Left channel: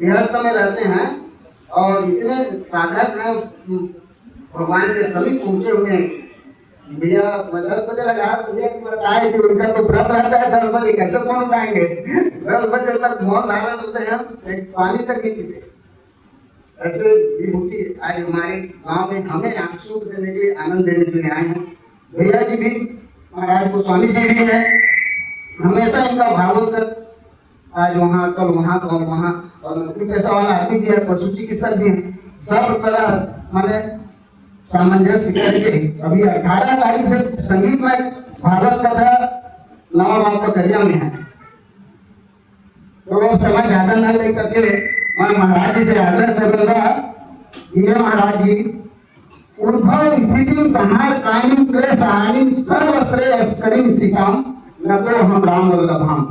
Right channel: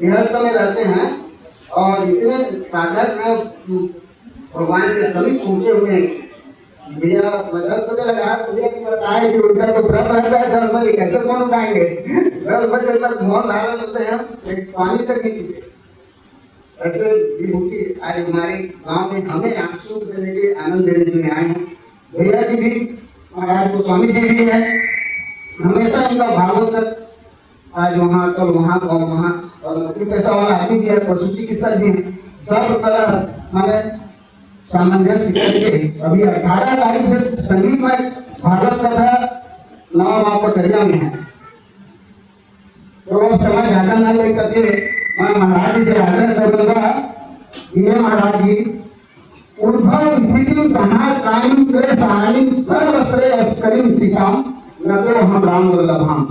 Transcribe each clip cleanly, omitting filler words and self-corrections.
गृहस्थ में रहते हैं और इतने साधक हैं, भगवान के सभी पहुंचे हुए हैं। भैया 10 बजे लगा, भैया पता है कि उनका तो व्रत रहता है 10 बजे, कैसे कौन खाएंगे? 10 बजे तक मौन धारण होते हैं, एक पानी तक नहीं पीते। ऐसे विभूति आज हमारे गांव में हमें आंसू देने के आनंद देने के लिए आए हैं। भैया जी भी महाराज गोस्वामी जी भी है, हमेशा इनका भागवत आज वहाँ कल वहाँ और वहाँ, और पैसा वाला आदमी भी है, पशु चिकित्सक भी है, सब तरह माने सामंजस्य करके अभी 18 तारीख से संगीत में भागवत कथा नवा पटरिया में है। तो समय ज्यादा न ले करके मैं महाराज जी से आग्रह करूंगा, ये महाराज जी उद्भव स्थिति समाज कामी प्रेस हानि सर्वश्रेय स्कलिन सिखाम न तो हम राम वल्लभाम,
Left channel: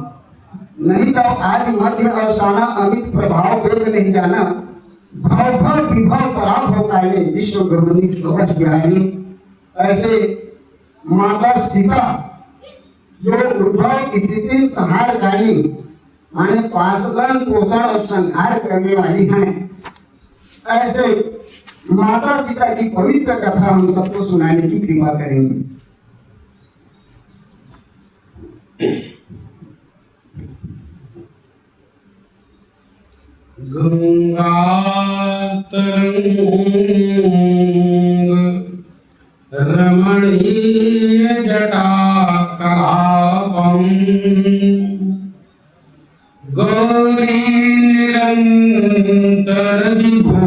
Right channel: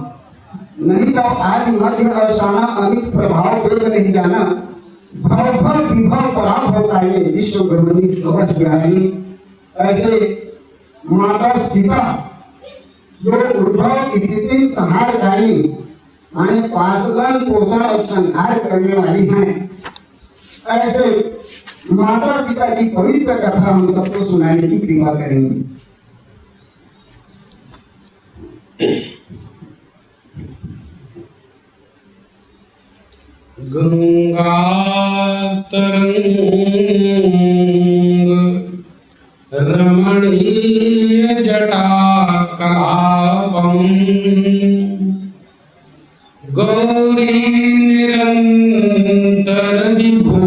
नहीं तो आदि मध्य अवसाना अमित प्रभाव वेद नहीं जाना, भव भव विभव पराभ होता है विश्व गृहिणी शोभस बिहारी। ऐसे माता सीता जो उद्भव स्थिति संहारकारी माने पाशगण पोषण और संहार करने वाली हैं, ऐसे माता सीता की पवित्र कथा हम सबको सुनाने की कृपा करेंगे। गंगा तरंग रमणीय जटा कलापम गौरी निरंतर विभु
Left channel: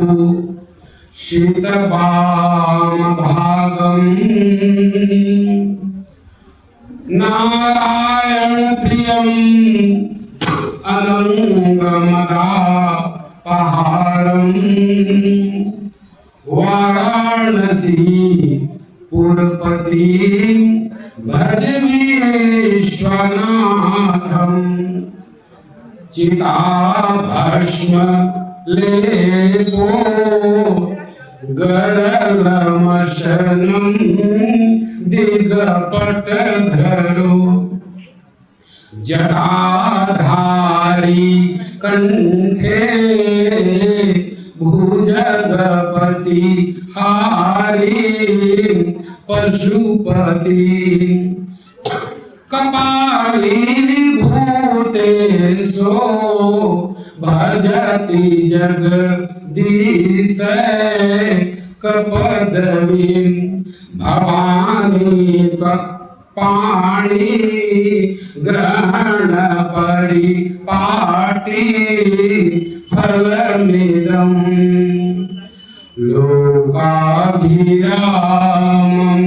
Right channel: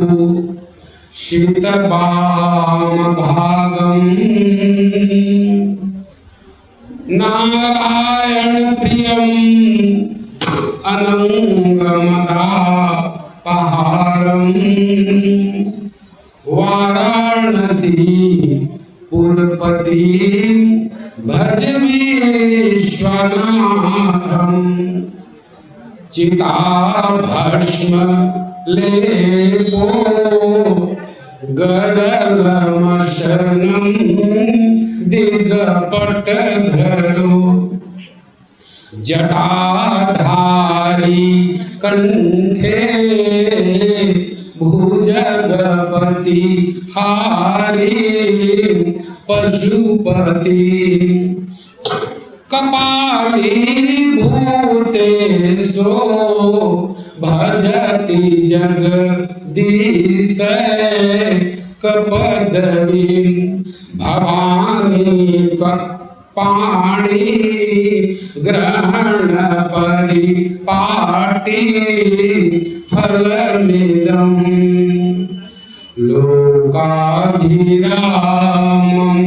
शीतवाम भागम नारायण प्रियम अनंगमदा पहाड़म वाराणसी पुरपति भज विश्वनाथम चिता भस्म लेपो गरलमशनम दिगपट धरो जटाधारी कंठे भुजगपति हारी पशुपति कपाली भूतेशो भजति जगदीश कपदवी भवानी पाणी ग्रहण परिपाटी फलनिदम लोकाभिरामं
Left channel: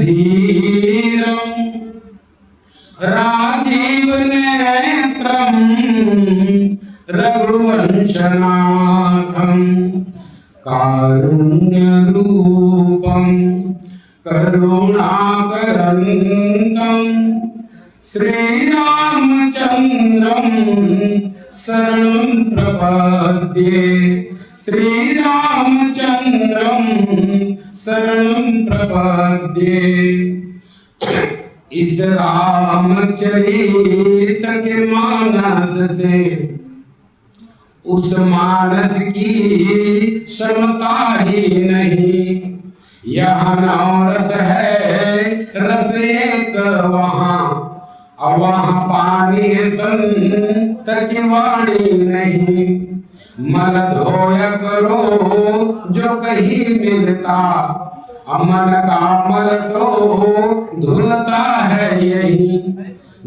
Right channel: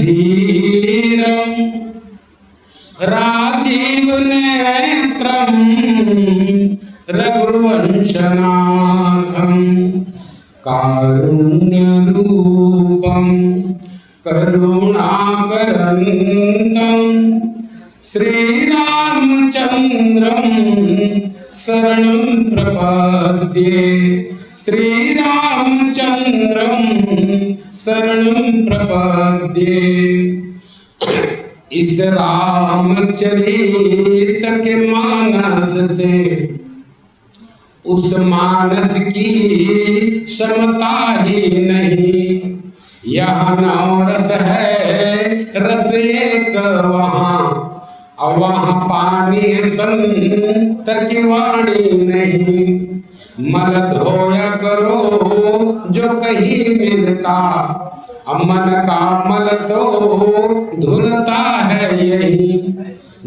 रणरंगधीरं राजीव नेत्रं रघुवंशनाथं कारुण्यरूपं करुणाकरन्तं श्रीरामचन्द्रं शरणं प्रपद्ये श्रीरामचन्द्रं शरणं प्रपद्ये। इस रामचरित के मानस से उस मानस की क्षमता ही नहीं, यहाँ नौ रस है रस एक वहाँ, और वहाँ पानी संत की वाणी नहीं। मल धोया करो जो कहीं मिलता, मन का मल तो धुलता है यही,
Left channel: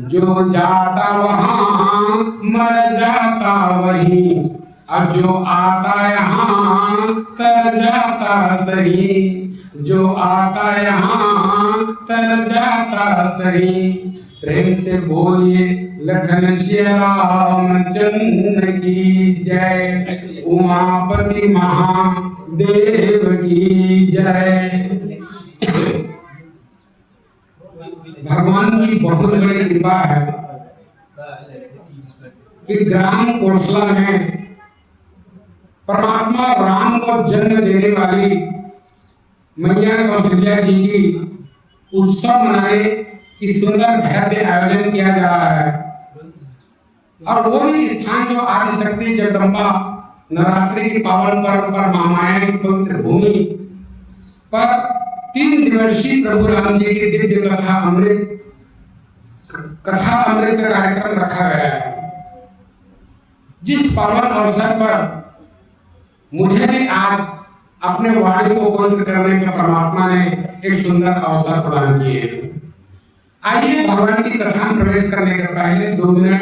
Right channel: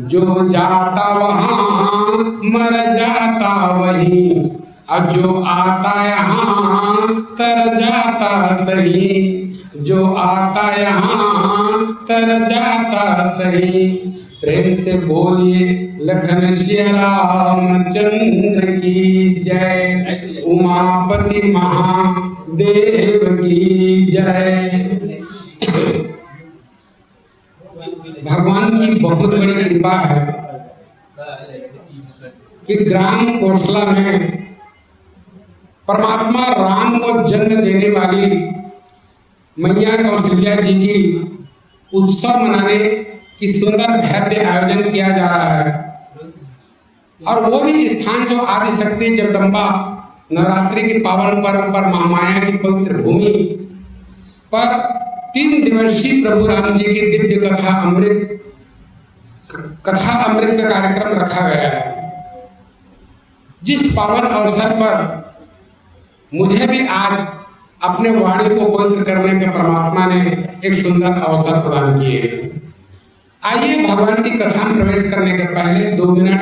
जो जाता वहाँ मर जाता वही, और जो आता यहाँ तर जाता सही, जो आता यहाँ तर जाता सही। प्रेम से बोलिए लखन श्री रामचंद्र की जय, उमापति महादेव की जय। भगवान की बहुत बड़ी कृपा है कि ग्राम कौशला में परमात्मा राम को जन्म देने वाली मैया कौशल्या जी की उत्सव मनाने की सुंदर भव्य आयोजन किया जा रहा है। और वो भी स्थान जो आदि शक्ति जगदम्बा नवरात्रि के पावन पर्व पर महामाया की पवित्र भूमि पर 3 दिवसीय प्रभु राम जी की दिव्य कथा अमृत का कार्यक्रम रखा गया है। जिस पावन अवसर पर मुझे भी आज अपने वाणी को पवित्र करने के परमात्मा ने एक सुंदर अवसर प्रदान किए। आइए भगवान की कथा में प्रवेश करने के पहले 2 मिनट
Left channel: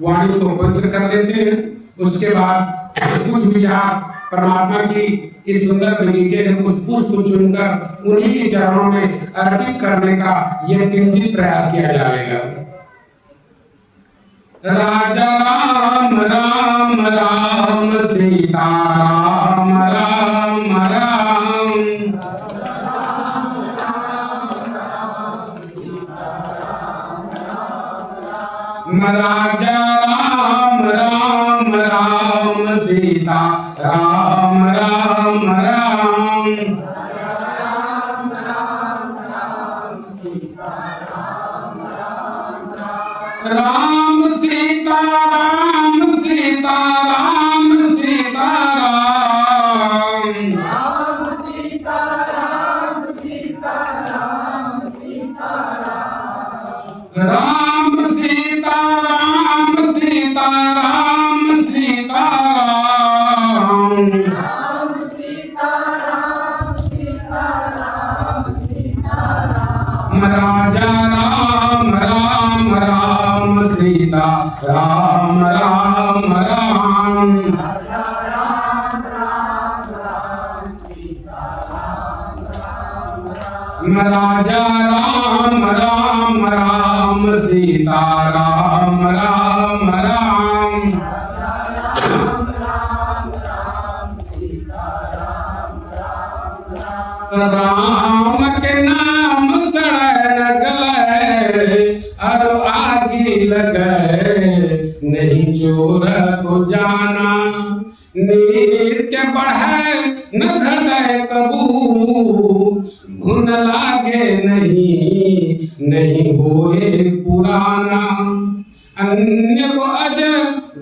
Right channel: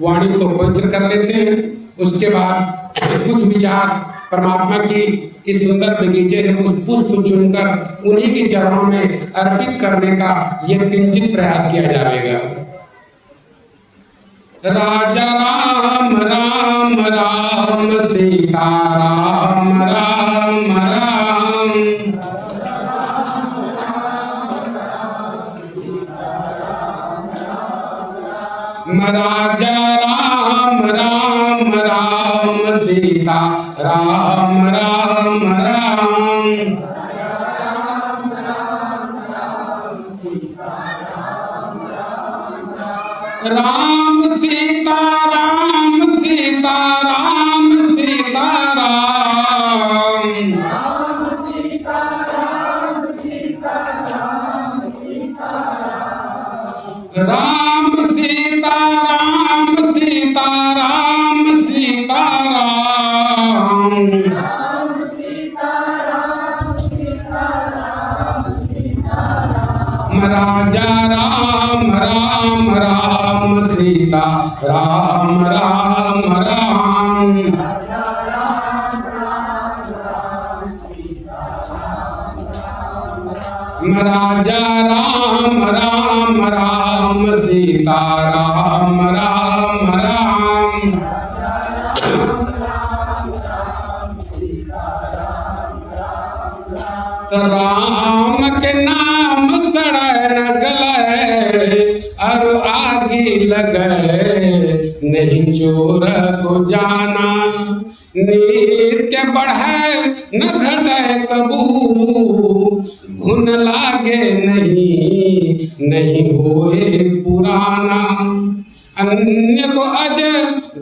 वाणी को पवित्र कर लेते हैं। उसके बाद कुछ विचार परमात्मा की इस सुंदर बगीचे से कुछ पुष्प चुनकर उन्हीं के चरणों में अर्पित करने का यह किंचित प्रयास किया जाएगा। राजा राम राम राम सीता राम राम राम राजा राम राम राम सीता राम राम राम राम सीता राम सीता राम सीता राम राम सीता राम सीता राम सीता राम राजा राम राम राम सीता राम राम राम राजा राम राम राम सीता राम राम राम राम के नाम सड़न गले और आगे लगे नहीं चोर को जाना नित्य बढ़े न घटे कबू घुन लागे नहीं होए पुराना अन्य को अज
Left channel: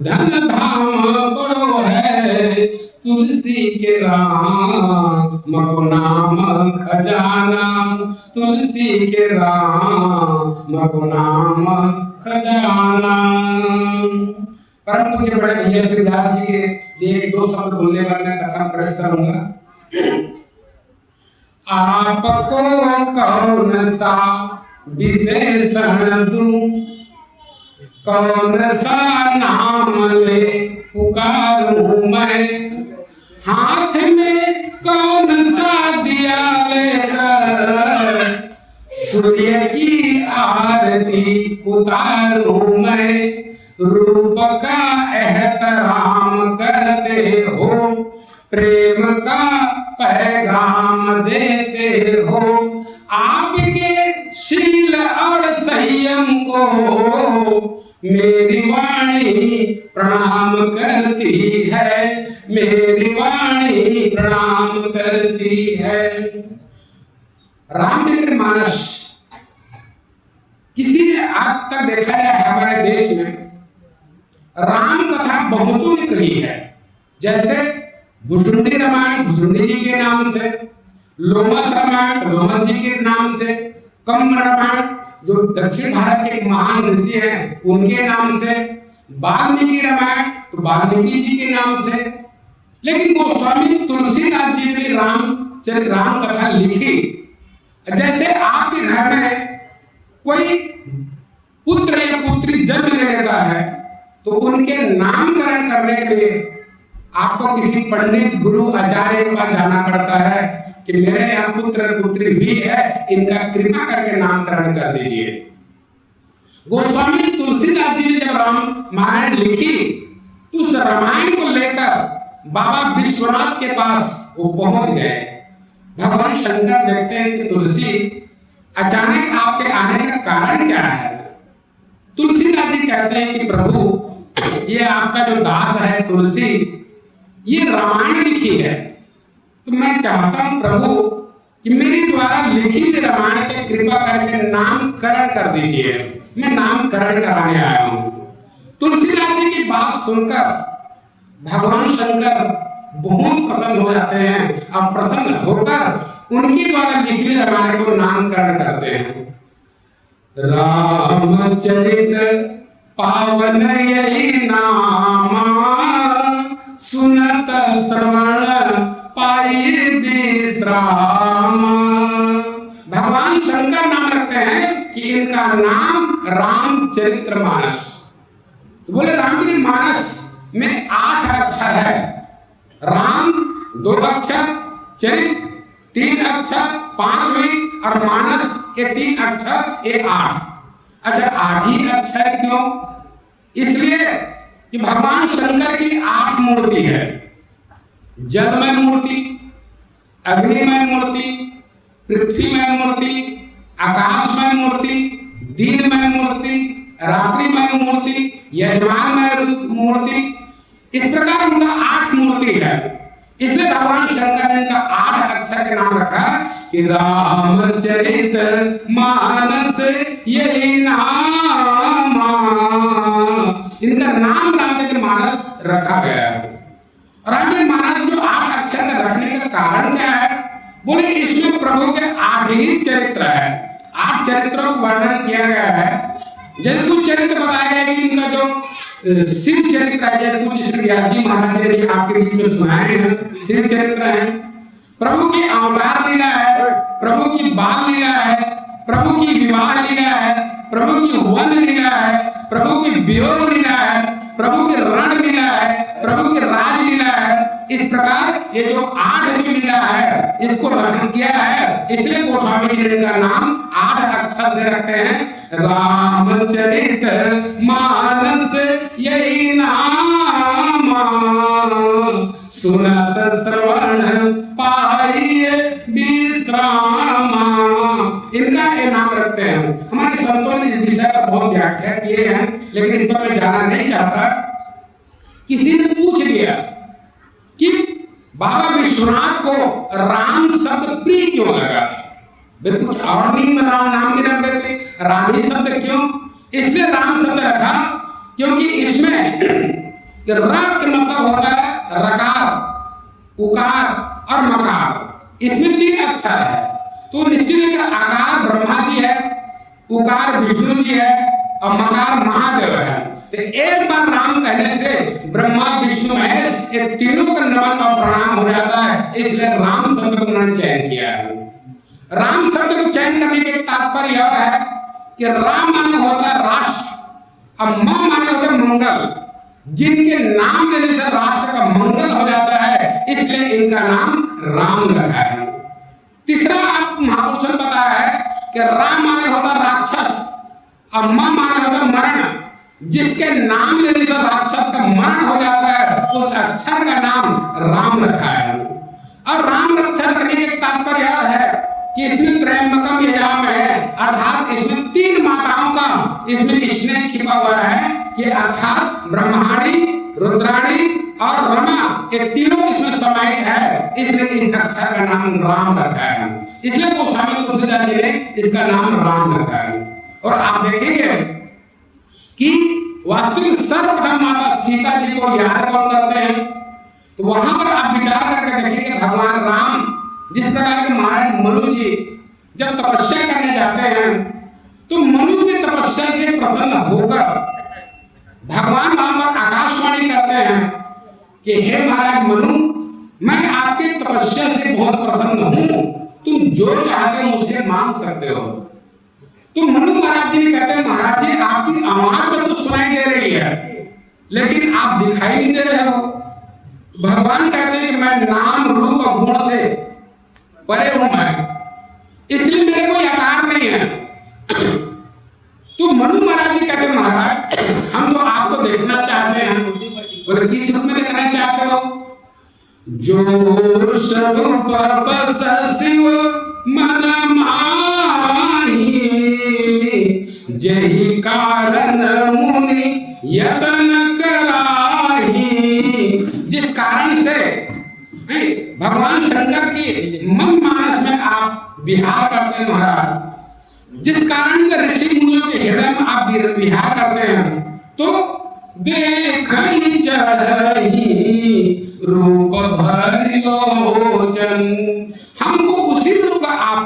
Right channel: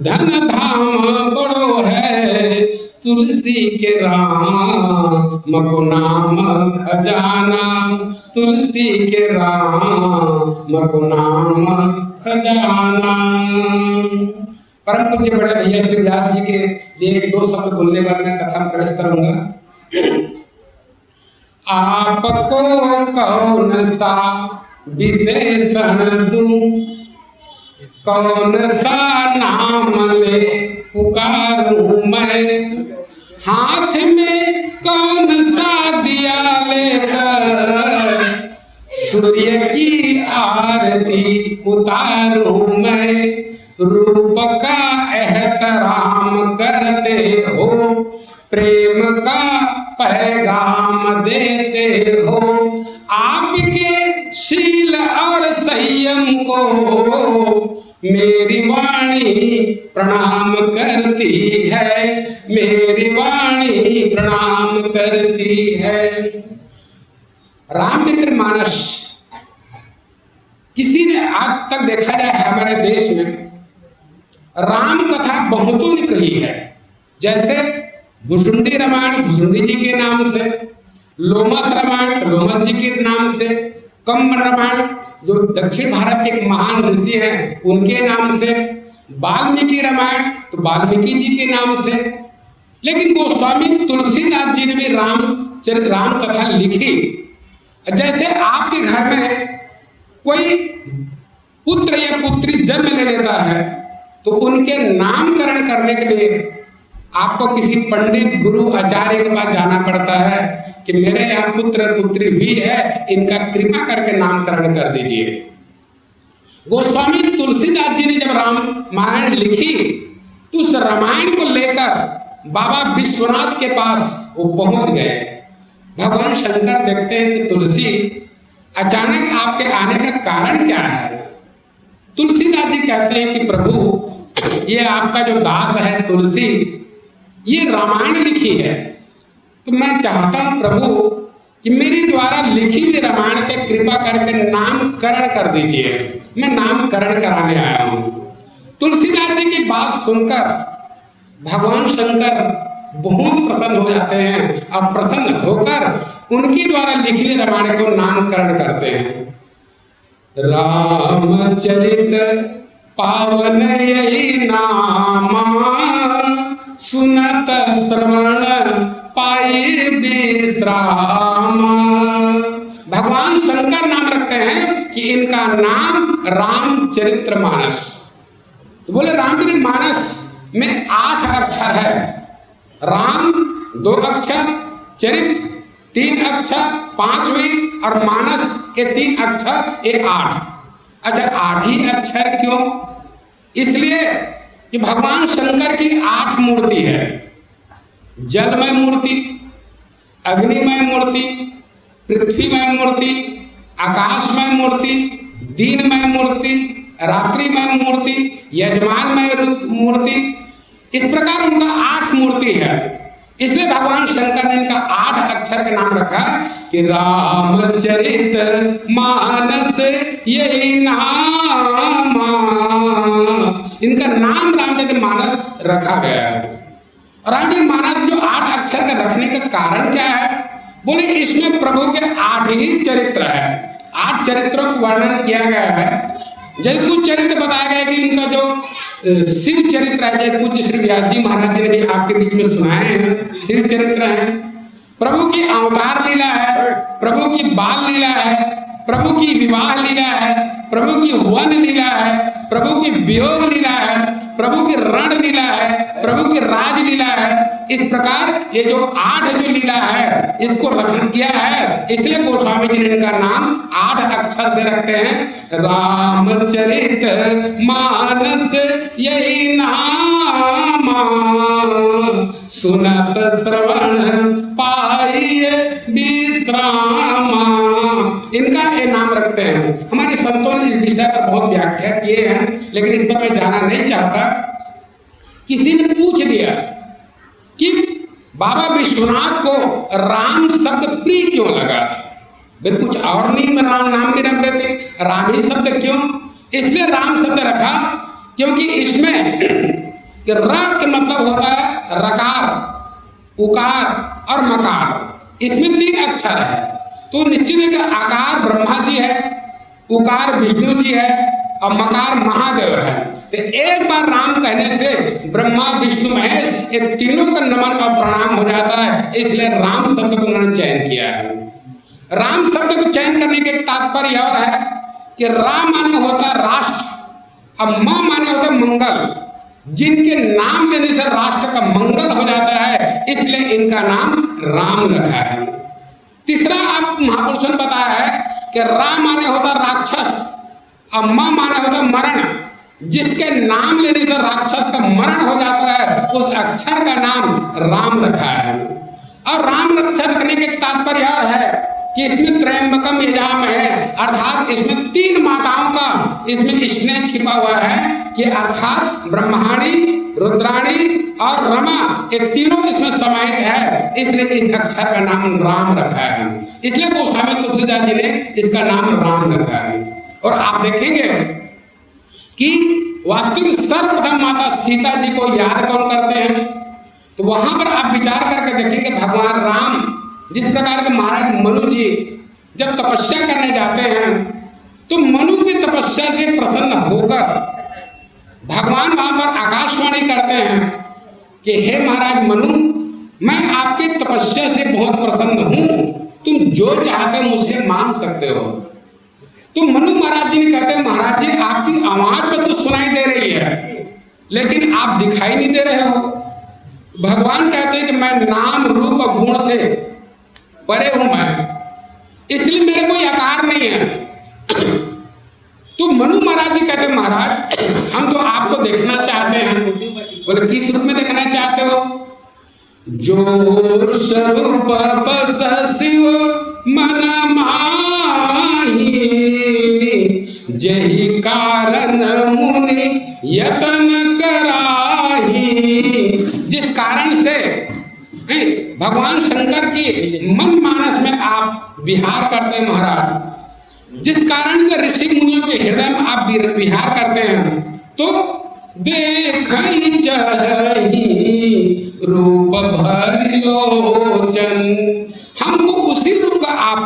धन धाम बड़ो है तुलसी के राम को नाम खजाना तुलसी के राम को नाम खजाना। परम पूज्य बड़े भैया श्री व्यास जी के लिए 1-2 शब्द बोलने पर मैं कथा में प्रवेश करूंगा। आपको कौन सा विशेषण दूं, कौन सा नाम ले पुकारूं मैं, हाथ में कौन सा दिया लेकर सूर्य की आरती उतारूं मैं। रूप का एहतराम करते हो, प्रेम का पैगाम देते हो, आपके शील और संयम को मेरी वाणी प्रणाम करती है, मेरी वाणी प्रणाम करती है। रामचरित मानस किसी ने आज तक देखा जाए हमारे देश में राम कथा बहुतों ने कही है। जैसे भुसुंडी रामायण भुसुंडी जी के नाम से, लोमस रामायण लोमस जी के नाम से, कम्ब रामायण जो दक्षिण भारत के एक महान ऋषि हैं उनके नाम से, वाल्मीकि रामायण तो वाल्मीकि जी के नाम से। लेकिन गोस्वामी तुलसीदास जी ने भी राम कथा लिखी। जैसे आपके घर में कोई पुत्र या पुत्री जन्म ले लेता है तो उनके नामकरण करने के लिए आपको किसी पंडित गुरु आचार्य के पास जाना पड़ता है कि मेरे यहाँ पुत्र पुत्री हुई है, इनका कृपा करके नामकरण कर दीजिए। गोस्वामी तुलसीदास जी ने जब रामायण लिखी तो उस रामायण को लेकर बाबा विश्वनाथ के पास वो पहुंच गए। भगवान शंकर देखते हैं कि तुलसी अचानक आपके आने का कारण क्या है। तुलसीदास जी कहते हैं कि प्रभु ये आपका जो दास है तुलसी ये रामायण लिखी है, तो मैं चाहता हूं प्रभु कि मेरी द्वारा लिखी हुई रामायण के कृपा करके नामकरण कर दीजिए, मैं नामकरण कराने आया हूं। तुलसीदास जी की बात सुनकर भगवान शंकर बहुत प्रसन्न हो जाते हैं और प्रसन्न होकर उनके द्वारा लिखी हुई रामायण को नामकरण करते हैं। रामचरित पावन यही नामा, सुनत श्रवण पाई विश्राम। भगवान शंकर नाम रखते हैं कि इनका नाम रामचरितमानस। तो बोले रामचरितमानस में 8 अक्षर है। राम 2 अक्षर, चरित 3 अक्षर, 5वीं और मानस के 3 अक्षर, ये 8। अच्छा 8 ही अक्षर क्यों? इसलिए कि भगवान शंकर की 8 मूर्ति है। जलमय मूर्ति, अग्निमय मूर्ति, पृथ्वीमय मूर्ति, आकाशमय मूर्ति, दीनमय मूर्ति, रात्रिमय मूर्ति, यजमानमय मूर्ति। इस प्रकार उनका 8 मूर्ति है। इसलिए भगवान शंकर ने इनका 8 अक्षर का नाम रखा कि रामचरित मानस यही नाम। इनका नाम रामचरित मानस रखा गया है। रामचरित मानस जो 8 अक्षर का रखने का कारण क्या है? बोले इसमें प्रभु के 8 ही चरित्र है। 8 चरित्रों का वर्णन किया गया है। जैसे कुछ चरित्र बताया गया कि इनका जो शिव चरित्र है, जैसे पूज्य श्री व्यास जी महाराज जी ने भी आपके बीच में सुनाए हैं, शिव चरित्र है। प्रभु की अवतार लीला है, प्रभु की बाल लीला है, प्रभु की विवाह लीला है, प्रभु की वन लीला है, प्रभु की वियोग लीला है, प्रभु की रण लीला है, प्रभु की राज लीला है। इस प्रकार ये जो 8 जो लीला है इसको रखन किया है। इसलिए गोस्वामी जी ने इनका नाम 8 अक्षर से रखते हैं। रामचरित मानस यही नाम, सुनत श्रवण पाइए विश्राम। इनका ये नाम रखते हैं। हमारे संतों ने इस विषय पर बहुत व्याख्या किए हैं, लेकिन इस पर मैं जाना नहीं चाहता। किसी ने पूछ लिया कि बाबा विश्वनाथ को राम शब्द प्रिय क्यों लगा? बिल्कुल कुछ और नहीं में राम नाम भी रख देते, राम ही शब्द क्यों? इसलिए राम शब्द रखा क्योंकि इसमें र के मतलब होता है रकार, उकार और मकार। इसमें 3 अक्षर है। तो निश्चित है कि आकार ब्रह्मा जी है, उकार विष्णु जी है और मकार महादेव है। तो एक बार राम कहने से ब्रह्मा विष्णु महेश ये तीनों का नमन और प्रणाम हो जाता है। इसलिए राम शब्द को उन्होंने चयन किया है। राम शब्द को चयन करने के तात्पर्य और है कि राम माने होता है राष्ट्र और मां माने होता है मंगल। जिनके नाम लेने से राष्ट्र का मंगल हो जाता है, इसलिए इनका नाम राम रखा है। तीसरा आप महापुरुषों ने बताया है कि राम माने होता राक्षस और मां माने होता मरण। जिसके नाम लेने से राक्षस का मरण हो जाता है, उस अक्षर का नाम राम रखा है। और राम रक्षा रखने के तात्पर्य और है कि इसमें त्रयंबकम यजाम है, अर्थात इसमें 3 माताओं का इसमें स्नेह छिपा हुआ है कि अर्थात ब्रह्माणी, रुद्राणी और रमा ये तीनों इसमें समाहित है। इसलिए इस अक्षर का नाम राम रखा है। इसलिए गोस्वामी तुलसीदास जी ने इसका नाम राम रखा है। और आप देखेंगे कि वास्तविक सर्वप्रथम माता सीता जी को याद कौन करते हैं? तो वहां पर आप विचार करके देखेंगे भगवान राम जिस प्रकार के महाराज मनु जी जब तपस्या करने जाते हैं तो मनु की तपस्या से प्रसन्न होकर भगवान वहां पर आकाशवाणी करते हैं कि हे महाराज मनु, मैं आपकी तपस्या से बहुत प्रसन्न हूं, तुम जो चाहते हो मुझसे मांग सकते हो। तो मनु महाराज जी ने कहते हैं महाराज जी आपकी आवाज में तो सुनाई दे रही है लेकिन आप दिखाई नहीं दे रहे हो। भगवान कहते हैं कि मैं नाम रूप और गुण से परे हूं, मैं इसलिए मेरे कोई आकार नहीं है। तो मनु महाराज जी कहते महाराज हम तो आपको देखना चाहते हैं। बोले किस रूप में देखना चाहते हो? जो स्वरूप बस शिव मन माही, जही कारण मुनि यतन कराही। जिस कारण से भगवान शंकर की मन मानस में आप विहार करते हैं महाराज, जिस कारण से ऋषि मुनियों के हृदय में आप विहार करते हैं, तो देखई चहई रूप भर लोचन। हमको उसी रूप का आप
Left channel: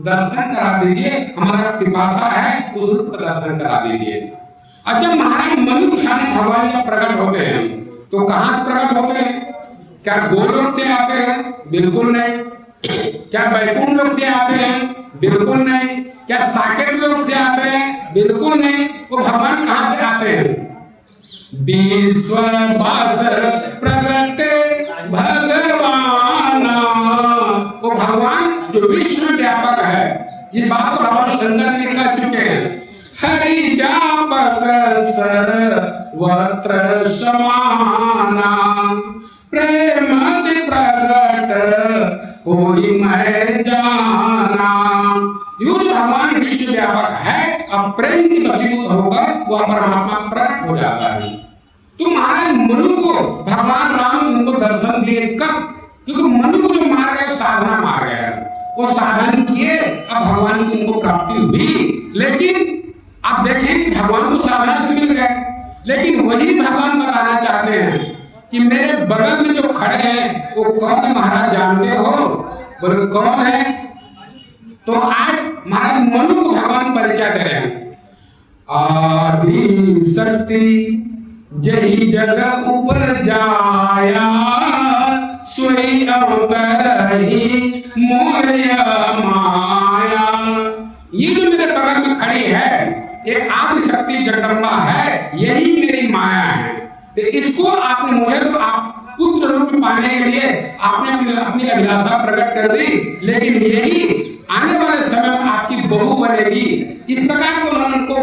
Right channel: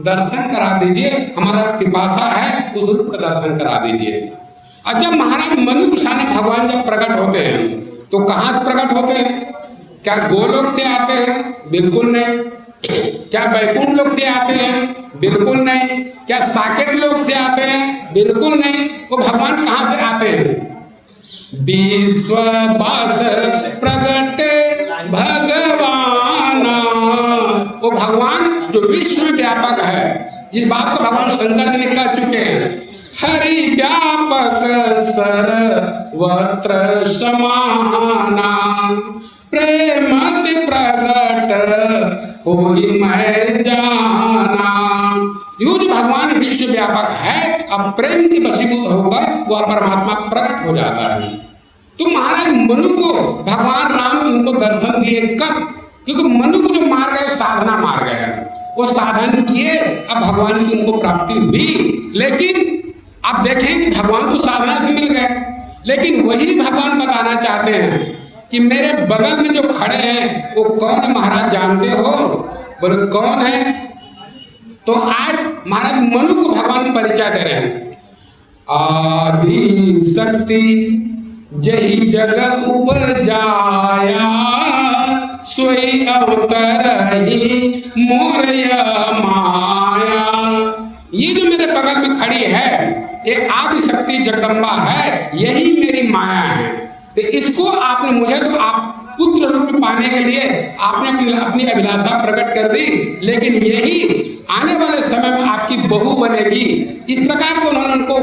दर्शन करा दीजिए, हमारा पिपासा है उस रूप का दर्शन करा दीजिए। और जब महाराज मनुष्य भगवान जब प्रकट होते हैं तो कहाँ से प्रकट होते हैं? क्या गोलोक से आते हैं? बिल्कुल नहीं। क्या बैकुंठ लोक से आते हैं? बिल्कुल नहीं। क्या साकेत लोक से आते हैं? बिल्कुल नहीं। वो भगवान कहाँ से आते हैं? विश्ववास प्रगटे भगवान, वो भगवान जो विश्व व्यापक है, जिस बात को भगवान शंकर जी ने कह चुके हैं, हरि व्यापक सर्वत्र समाना, प्रेमति प्रगट होई मैं जाना। यो जो भगवान विश्व व्यापक है, अब प्रेम के वशीभूत होकर वह परमात्मा प्रकट हो जाता है। तो महाराज मनु को भगवान राम उनको दर्शन दिए कब? क्योंकि मनु को जो मार्ग है साधना मार्ग है, वो साधन किए, अब भगवान की उनको प्राप्ति हुई। लेकिन आप देखें कि भगवान को साधना से मिल गए, लेकिन वही भगवान बताना चाहते हैं कि मेरे बगल में जो खड़े हैं वो कौन है महाराज, जानते हो? बोले कौन है? तो आज महाराज मनु को भगवान परिचय दे रहे हैं। आदि शक्ति जही जग उपजाया, सोई अवतरहि मोरया माया। ये जो मेरे बगल में खड़ी है ये आदि शक्ति जगदम्बा है, यही मेरी माया है। तो इसको आपने मुझे तो आप पुत्र रूप में पाने के लिए आपने अपनी अभिलाषा प्रकट कर दी, लेकिन यही आने वाले समय में आपकी बहू बनेगी। इस प्रकार को उन्होंने उनको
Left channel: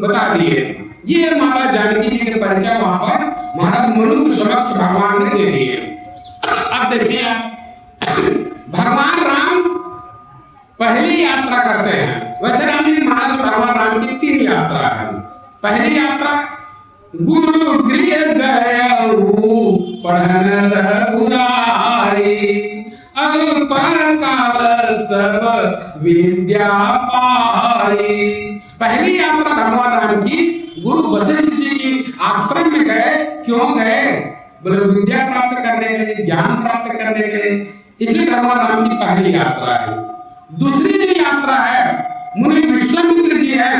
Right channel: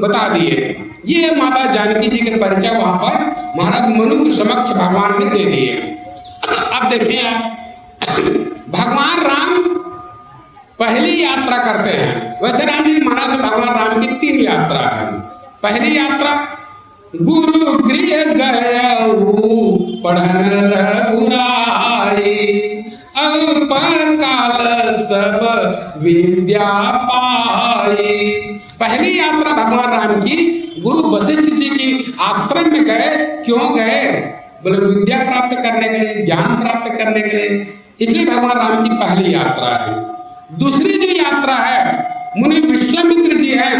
बता दिए। ये माता जानकी जी के परिचय वहां पर महाराज मनु के समक्ष भगवान ने दे दिए। अब देखिए आप, भगवान राम पहली यात्रा करते हैं। वैसे रामजी महाराज भगवान राम की 3 यात्रा है। पहली यात्रा गुरु गृह गए पढ़न रघुराई, अल्प काल सब विद्या पाई। पहली यात्रा भगवान राम की गुरु वशिष्ठ जी की आश्रम में गए। क्यों गए? बोले विद्या प्राप्त करने के लिए, ज्ञान प्राप्त करने के लिए। इसलिए भगवान राम की पहली यात्रा है। दूसरी जो यात्रा है, मुनि विश्वामित्र जी हैं,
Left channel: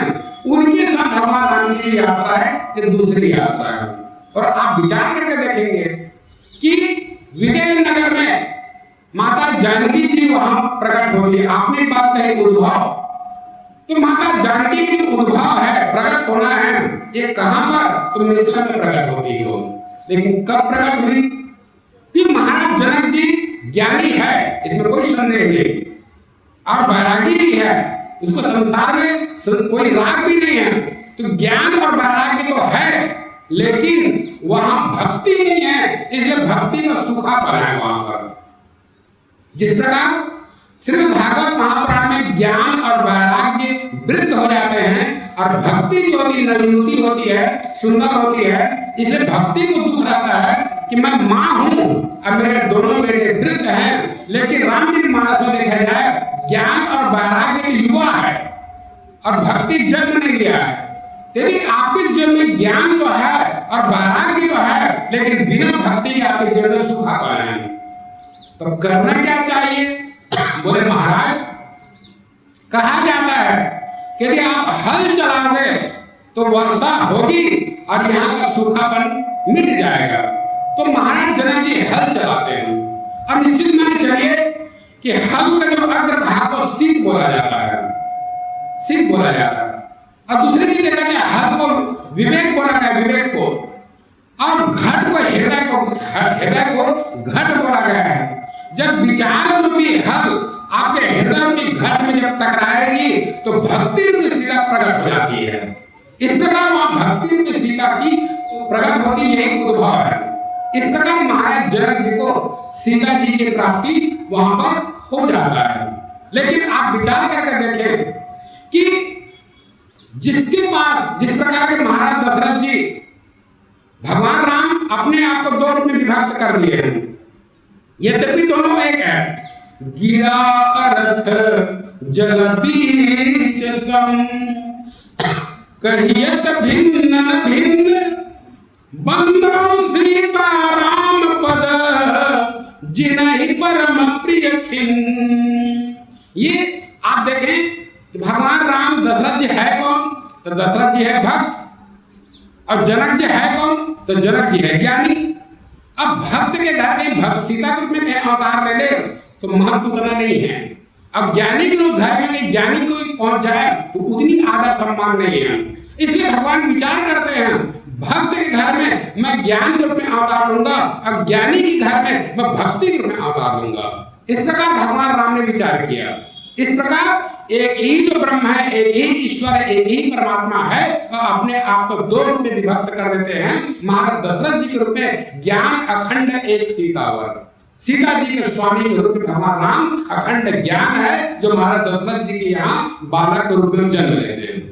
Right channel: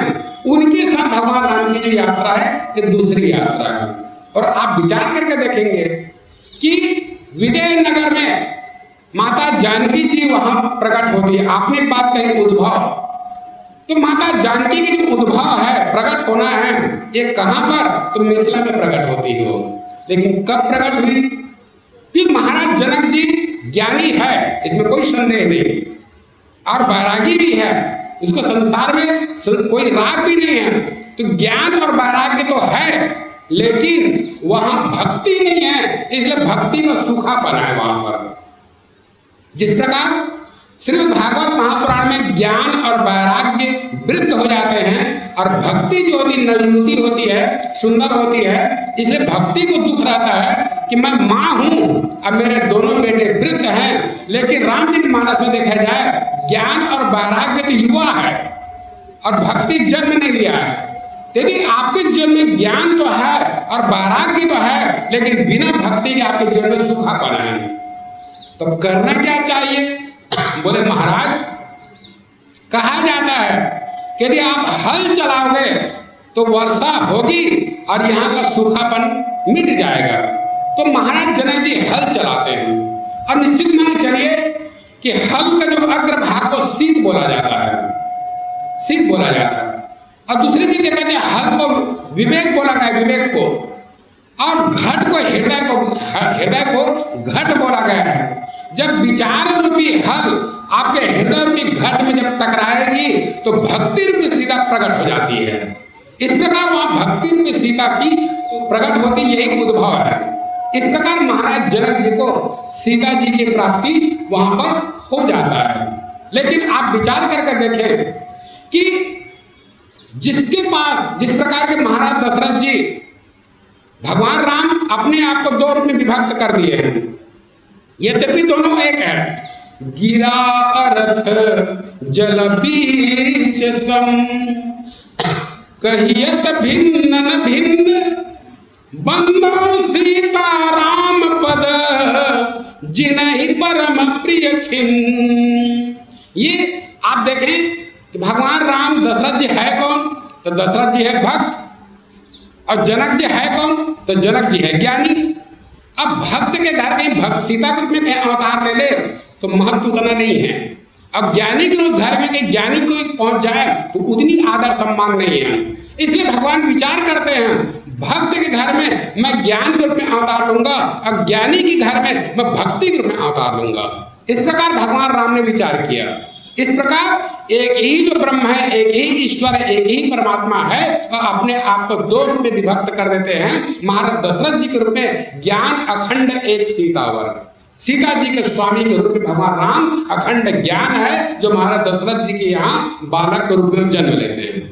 उनके साथ भगवान राम की जो यात्रा है ये दूसरी यात्रा है। और आप विचार करके देखेंगे कि विदेह नगर में माता जानकी जी वहां प्रकट होती है। आपने बात कही उद्भव, तो माता जानकी की जो उद्भव है, प्रकट होना है, ये कहां पर? तो मिथिला में प्रकट होती हो। लेकिन कब प्रकट हुई? कि महाराज जनक जी ज्ञानी है, इसमें कोई संदेह नहीं, और वैरागी भी है, इसको संसार में कोई राग भी नहीं है। तो ज्ञान और वैराग्य तो है, लेकिन वहां भक्ति नहीं है, इसलिए भक्ति में सूखापन है वहां पर। जिस प्रकार श्रीमद् भागवत महापुराण में ज्ञान और वैराग्य वृद्ध हो जाते हैं और भक्ति जो होती नवनीति होती है, सुंदर होती है, इसलिए भक्ति को दुख रहता है कि मैं माँ हूं और मेरे दोनों बेटे वृद्ध हैं। लेकिन राम जी के मानस में देखा जाए ज्ञान और वैराग्य तो युवा है और भक्ति जन्म नहीं लिया है। यदि आपके जीवन में ज्ञान तो है और वैराग्य तो है, लेकिन बिना भक्ति के आपके जीवन में सूखापन है, तो करना क्या चाहिए? बोले महाराज, कहा जाता है कि यदि आप हल चलाओगे तो वर्षा होगी और यहाँ का सूखापन मिट जाएगा। तो महाराज जनक जी हल चलाते हैं, और निश्चित मान चलिए कि हल का जो अग्र भाग को शीत बोला जाता है, शीत बोला जाता है। और दूसरी चीज देखा जाए, हल को विवेक बोला गया, विवेक को, और घट को हृदय को घट बोला गया है। जब विचार रूपी हल आपके हृदय रूपी घट में जब टकराएगी तो भक्ति रूपी सीता प्रकट हो जाती है। इस प्रकार वहां भक्ति रूपी सीता की प्रकट होती, यही उद्भव है। इस प्रकार महाराज जनक जी को सीता जी की प्राप्ति वहां पर हो जाता है। लेकिन आप विचार करके देखें कि जिसके पास जिस प्रकार के महाराज दशरथ जी भगवान राम अपने आप को 2 रूप में विभक्त कर दिए हैं, यद्यपि दोनों एक है। गिरा रथ जल बीच सम, कहियत भिन्न भिन्न बंदो सीता राम पद जिनहि परम प्रिय खिन। ये आप देखें कि भगवान राम दशरथ जी है कौन? तो दशरथ जी है भक्त, और जनक जी है कौन? तो जनक जी है ज्ञानी। अब भक्त के घर में भक्त सीता के रूप में अवतार ले ले तो महत्व उतना नहीं है। अब ज्ञानी के घर में कहीं ज्ञानी कोई पहुंच जाए तो उतनी आदर सम्मान नहीं है। इसलिए भगवान विचार करते हैं भक्त के घर में मैं ज्ञान के रूप में अवतार लूंगा, अब ज्ञानी के घर में मैं भक्ति के रूप में अवतार लूंगा। इस प्रकार भगवान राम ने विचार किया। इस प्रकार एक ही जो ब्रह्म है, एक ही ईश्वर है, एक ही परमात्मा है, और अपने आप को दो रूप में विभक्त कर देते हैं। महाराज दशरथ जी के रूप में ज्ञान अखंड एक सीतावर, सीता जी के स्वामी के रूप में भगवान राम अखंड ज्ञान है, जो महाराज दशरथ जी के यहाँ बालक के रूप में जन्म लेते हैं।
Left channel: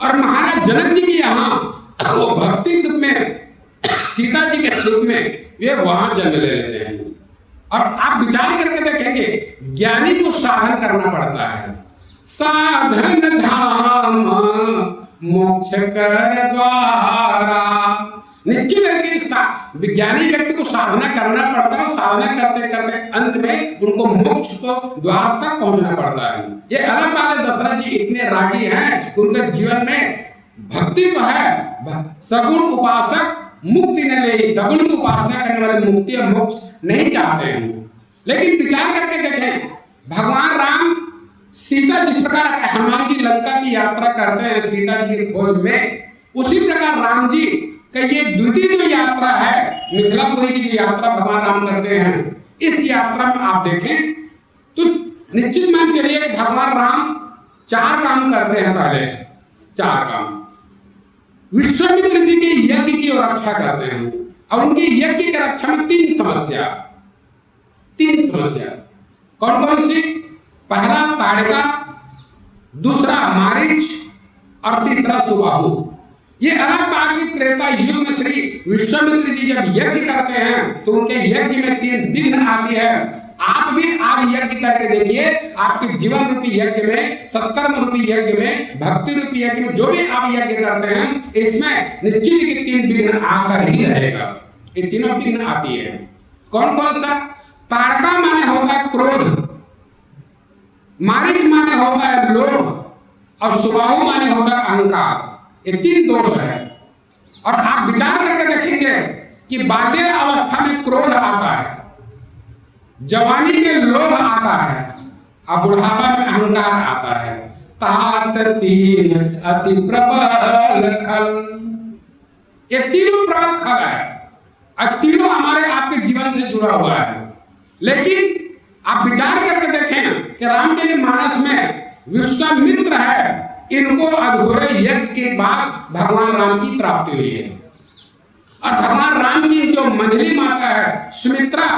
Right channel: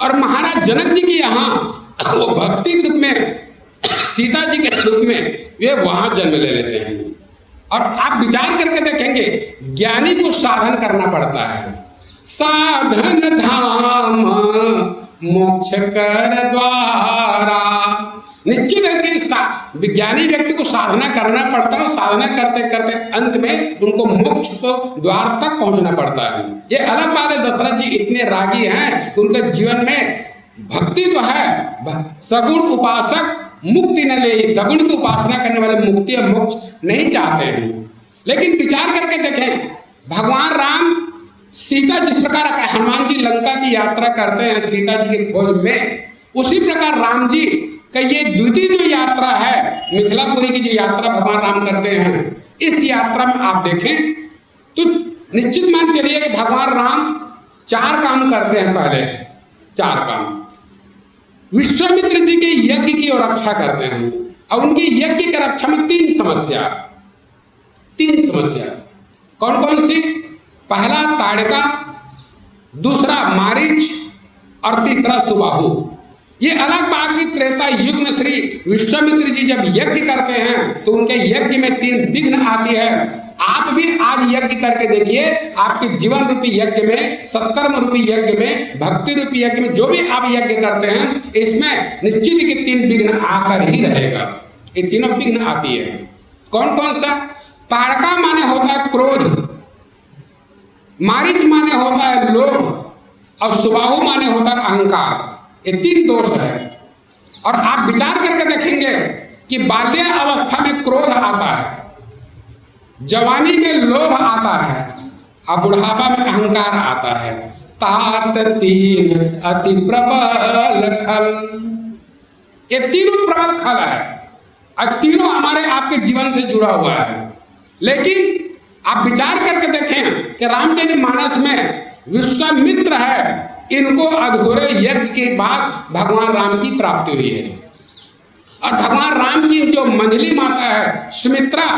और महाराज जनक जी के यहाँ वो भक्ति के रूप में, सीता जी के रूप में वे वहां जन्म ले लेते हैं। और आप विचार करके देखेंगे ज्ञानी को साधन करना पड़ता है। साधन धाम मोक्ष कर द्वारा। निश्चित है कि विज्ञानी व्यक्ति को साधना करना पड़ता है, और साधना करते करते अंत में उनको मोक्ष को द्वार तक पहुंचना पड़ता है। ये अलग बात है दशरथ जी इतने रागी हैं, उनके जीवन में भक्ति तो है, सगुण उपासक मुक्ति न ले, सगुण की उपासना करने वाले मुक्ति और मोक्ष नहीं चाहते हैं। लेकिन विचार करके देखें भगवान राम सीता जिस प्रकार हनुमान जी लंका की यात्रा करते हैं सीता जी की खोज में, उसी प्रकार राम जी का ये द्वितीय जो यात्रा है मिथिलापुरी की जो यात्रा भगवान राम करते हैं, इस यात्रा में आप देखें तो निश्चित मान चलिए कि भगवान राम चार काम करते हैं। पहले चार काम विश्वामित्र जी के यज्ञ की रक्षा करते हैं, और उनके यज्ञ की रक्षा में तीन समस्या कौन कौन सी? पहला ताड़का, दूसरा मारीच, और तीसरा सुबाहु। ये अलग बात की त्रेता युग में श्री विश्वामित्र जी जब यज्ञ करते हैं तो उनके यज्ञ में तीन विघ्न आती है। आप भी आज यज्ञ करके देखिए, आपके जीवन रूपी यज्ञ में, सत्कर्म रूपी यज्ञ में, भक्ति रूपी यज्ञ में जो भी आप यज्ञ करते हैं, इसमें निश्चित के तीन विघ्न आकर ही रहेगा। ये तीनों विघ्न आती है। कौन कौन सा? ताड़का माने होता है क्रोध, मारीच माने होता है लोभ, और सुबाहु माने होता है अहंकार। ये तीन दोष है। और आप विचार करके देखेंगे कि बाल्य अवस्था में क्रोध आता है, जवानी में लोभ आता है, और बुढ़ापा में अहंकार आता है। तात तीन अति प्रबल खल, ये तीनों प्रबल खल है, और तीनों हमारे आपके जीवन से जुड़ा हुआ है। लेकिन आप विचार करके देखें कि रामचंद्र मानस में विश्वामित्र है, इनको अधूरे यज्ञ के बाद भगवान राम की प्राप्ति हुई है। और भगवान राम की जो मंझली माता है सुमित्रा,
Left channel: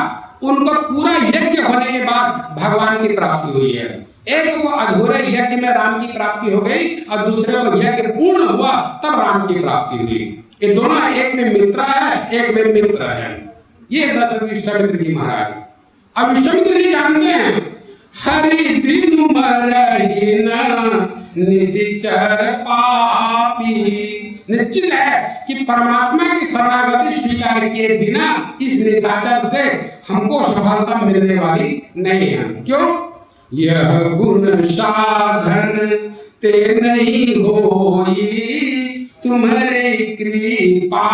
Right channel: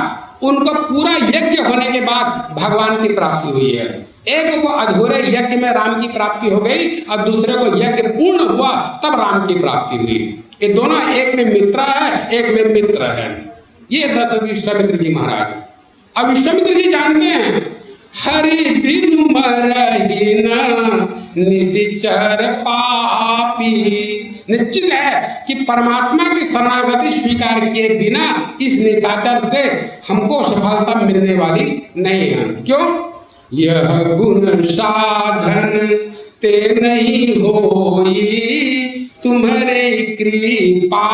उनको पूरा यज्ञ होने के बाद भगवान की प्राप्ति हुई है। एक को अधूरे यज्ञ में राम की प्राप्ति हो गई, और दूसरे को यज्ञ पूर्ण हुआ तब राम की प्राप्ति हुई। ये दोनों एक में मित्र है, एक में मित्र है। ये 10 विश्वामित्र जी महाराज। अब विश्वामित्र जी जानते हैं हरि बिनु मरहिन निशिचर पापी। निश्चित है कि परमात्मा की शरणागति स्वीकार किए बिना इस निशाचर से हमको सफलता मिलने वाली नहीं है। क्यों? यह गुण साधन ते नहीं होई, तुम्हारे कृपा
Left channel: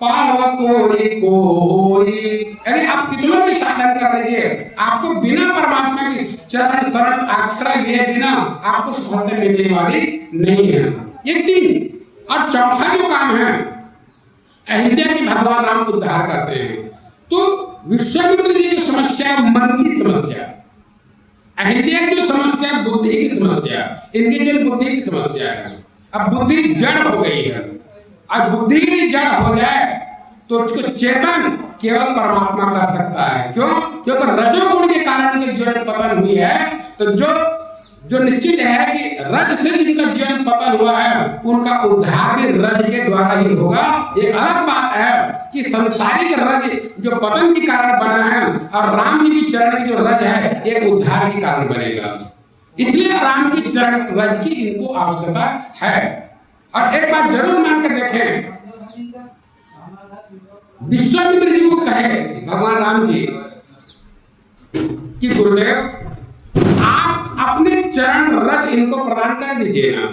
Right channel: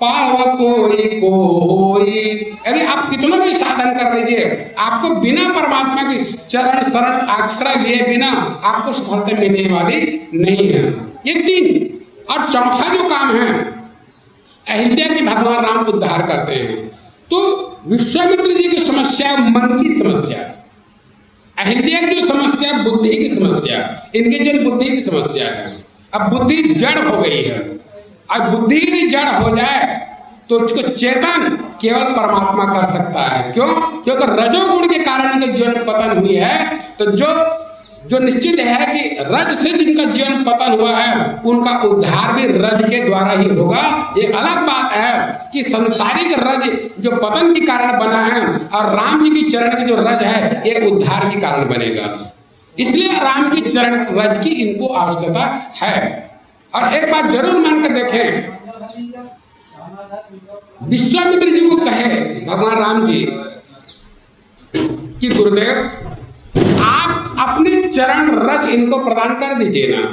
पाव कोई। यानी आप कितना भी साधन कर लीजिए, आपको बिना परमात्मा की चरण शरण आश्रय लिए बिना आपको सफलता मिलने वाली नहीं है। ये तीन। और चौथा जो काम है, अहिल्या की भगवान राम उद्धार करते हैं। तो विश्वामित्र जी की समस्या मन की समस्या, अहिल्या की जो समस्या बुद्धि की समस्या, इनकी जो बुद्धि की समस्या है। अब बुद्धि जड़ हो गई है, और बुद्धि की जड़ हो जाए तो उसको चेतन केवल परमात्मा कर सकता है। क्यों? क्योंकि रजोगुण के कारण उनके जीवन पतन हुई है। तो जो निश्चित है कि रज से जिनका जीवन पतन हुआ है, उनका उद्धार भी रज के द्वारा ही होगा। ये अलग बात है कि संसारिक रज जो पतन के कारण बना है, और राम जी की चरण की जो रज है, ये उद्धार के कारण बनेगा। इसलिए राम की चरण रज की इनको आवश्यकता है। और एक बात जरूर मानकर देखें, विश्वामित्र जी को कहे भगवान राम जी कि गुरुदेव आप अपने चरण रज इनको प्रदान कर दीजिए ना,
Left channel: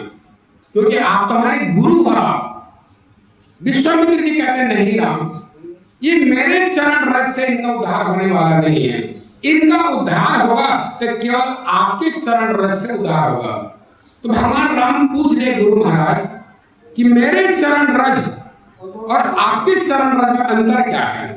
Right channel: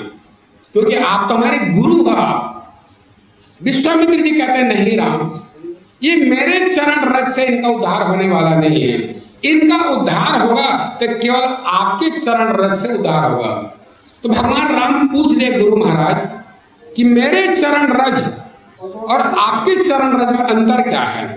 क्योंकि आप तो हमारे गुरु हो। विश्वामित्र जी कहते हैं नहीं राम, ये मेरे चरण रज से इनका उद्धार होने वाला नहीं है। इनका उद्धार होगा तो केवल आपके चरण रज से उद्धार होगा। तो भगवान राम पूछ ले गुरु महाराज कि मेरे चरण रज और आपके चरण रज में अंतर क्या है?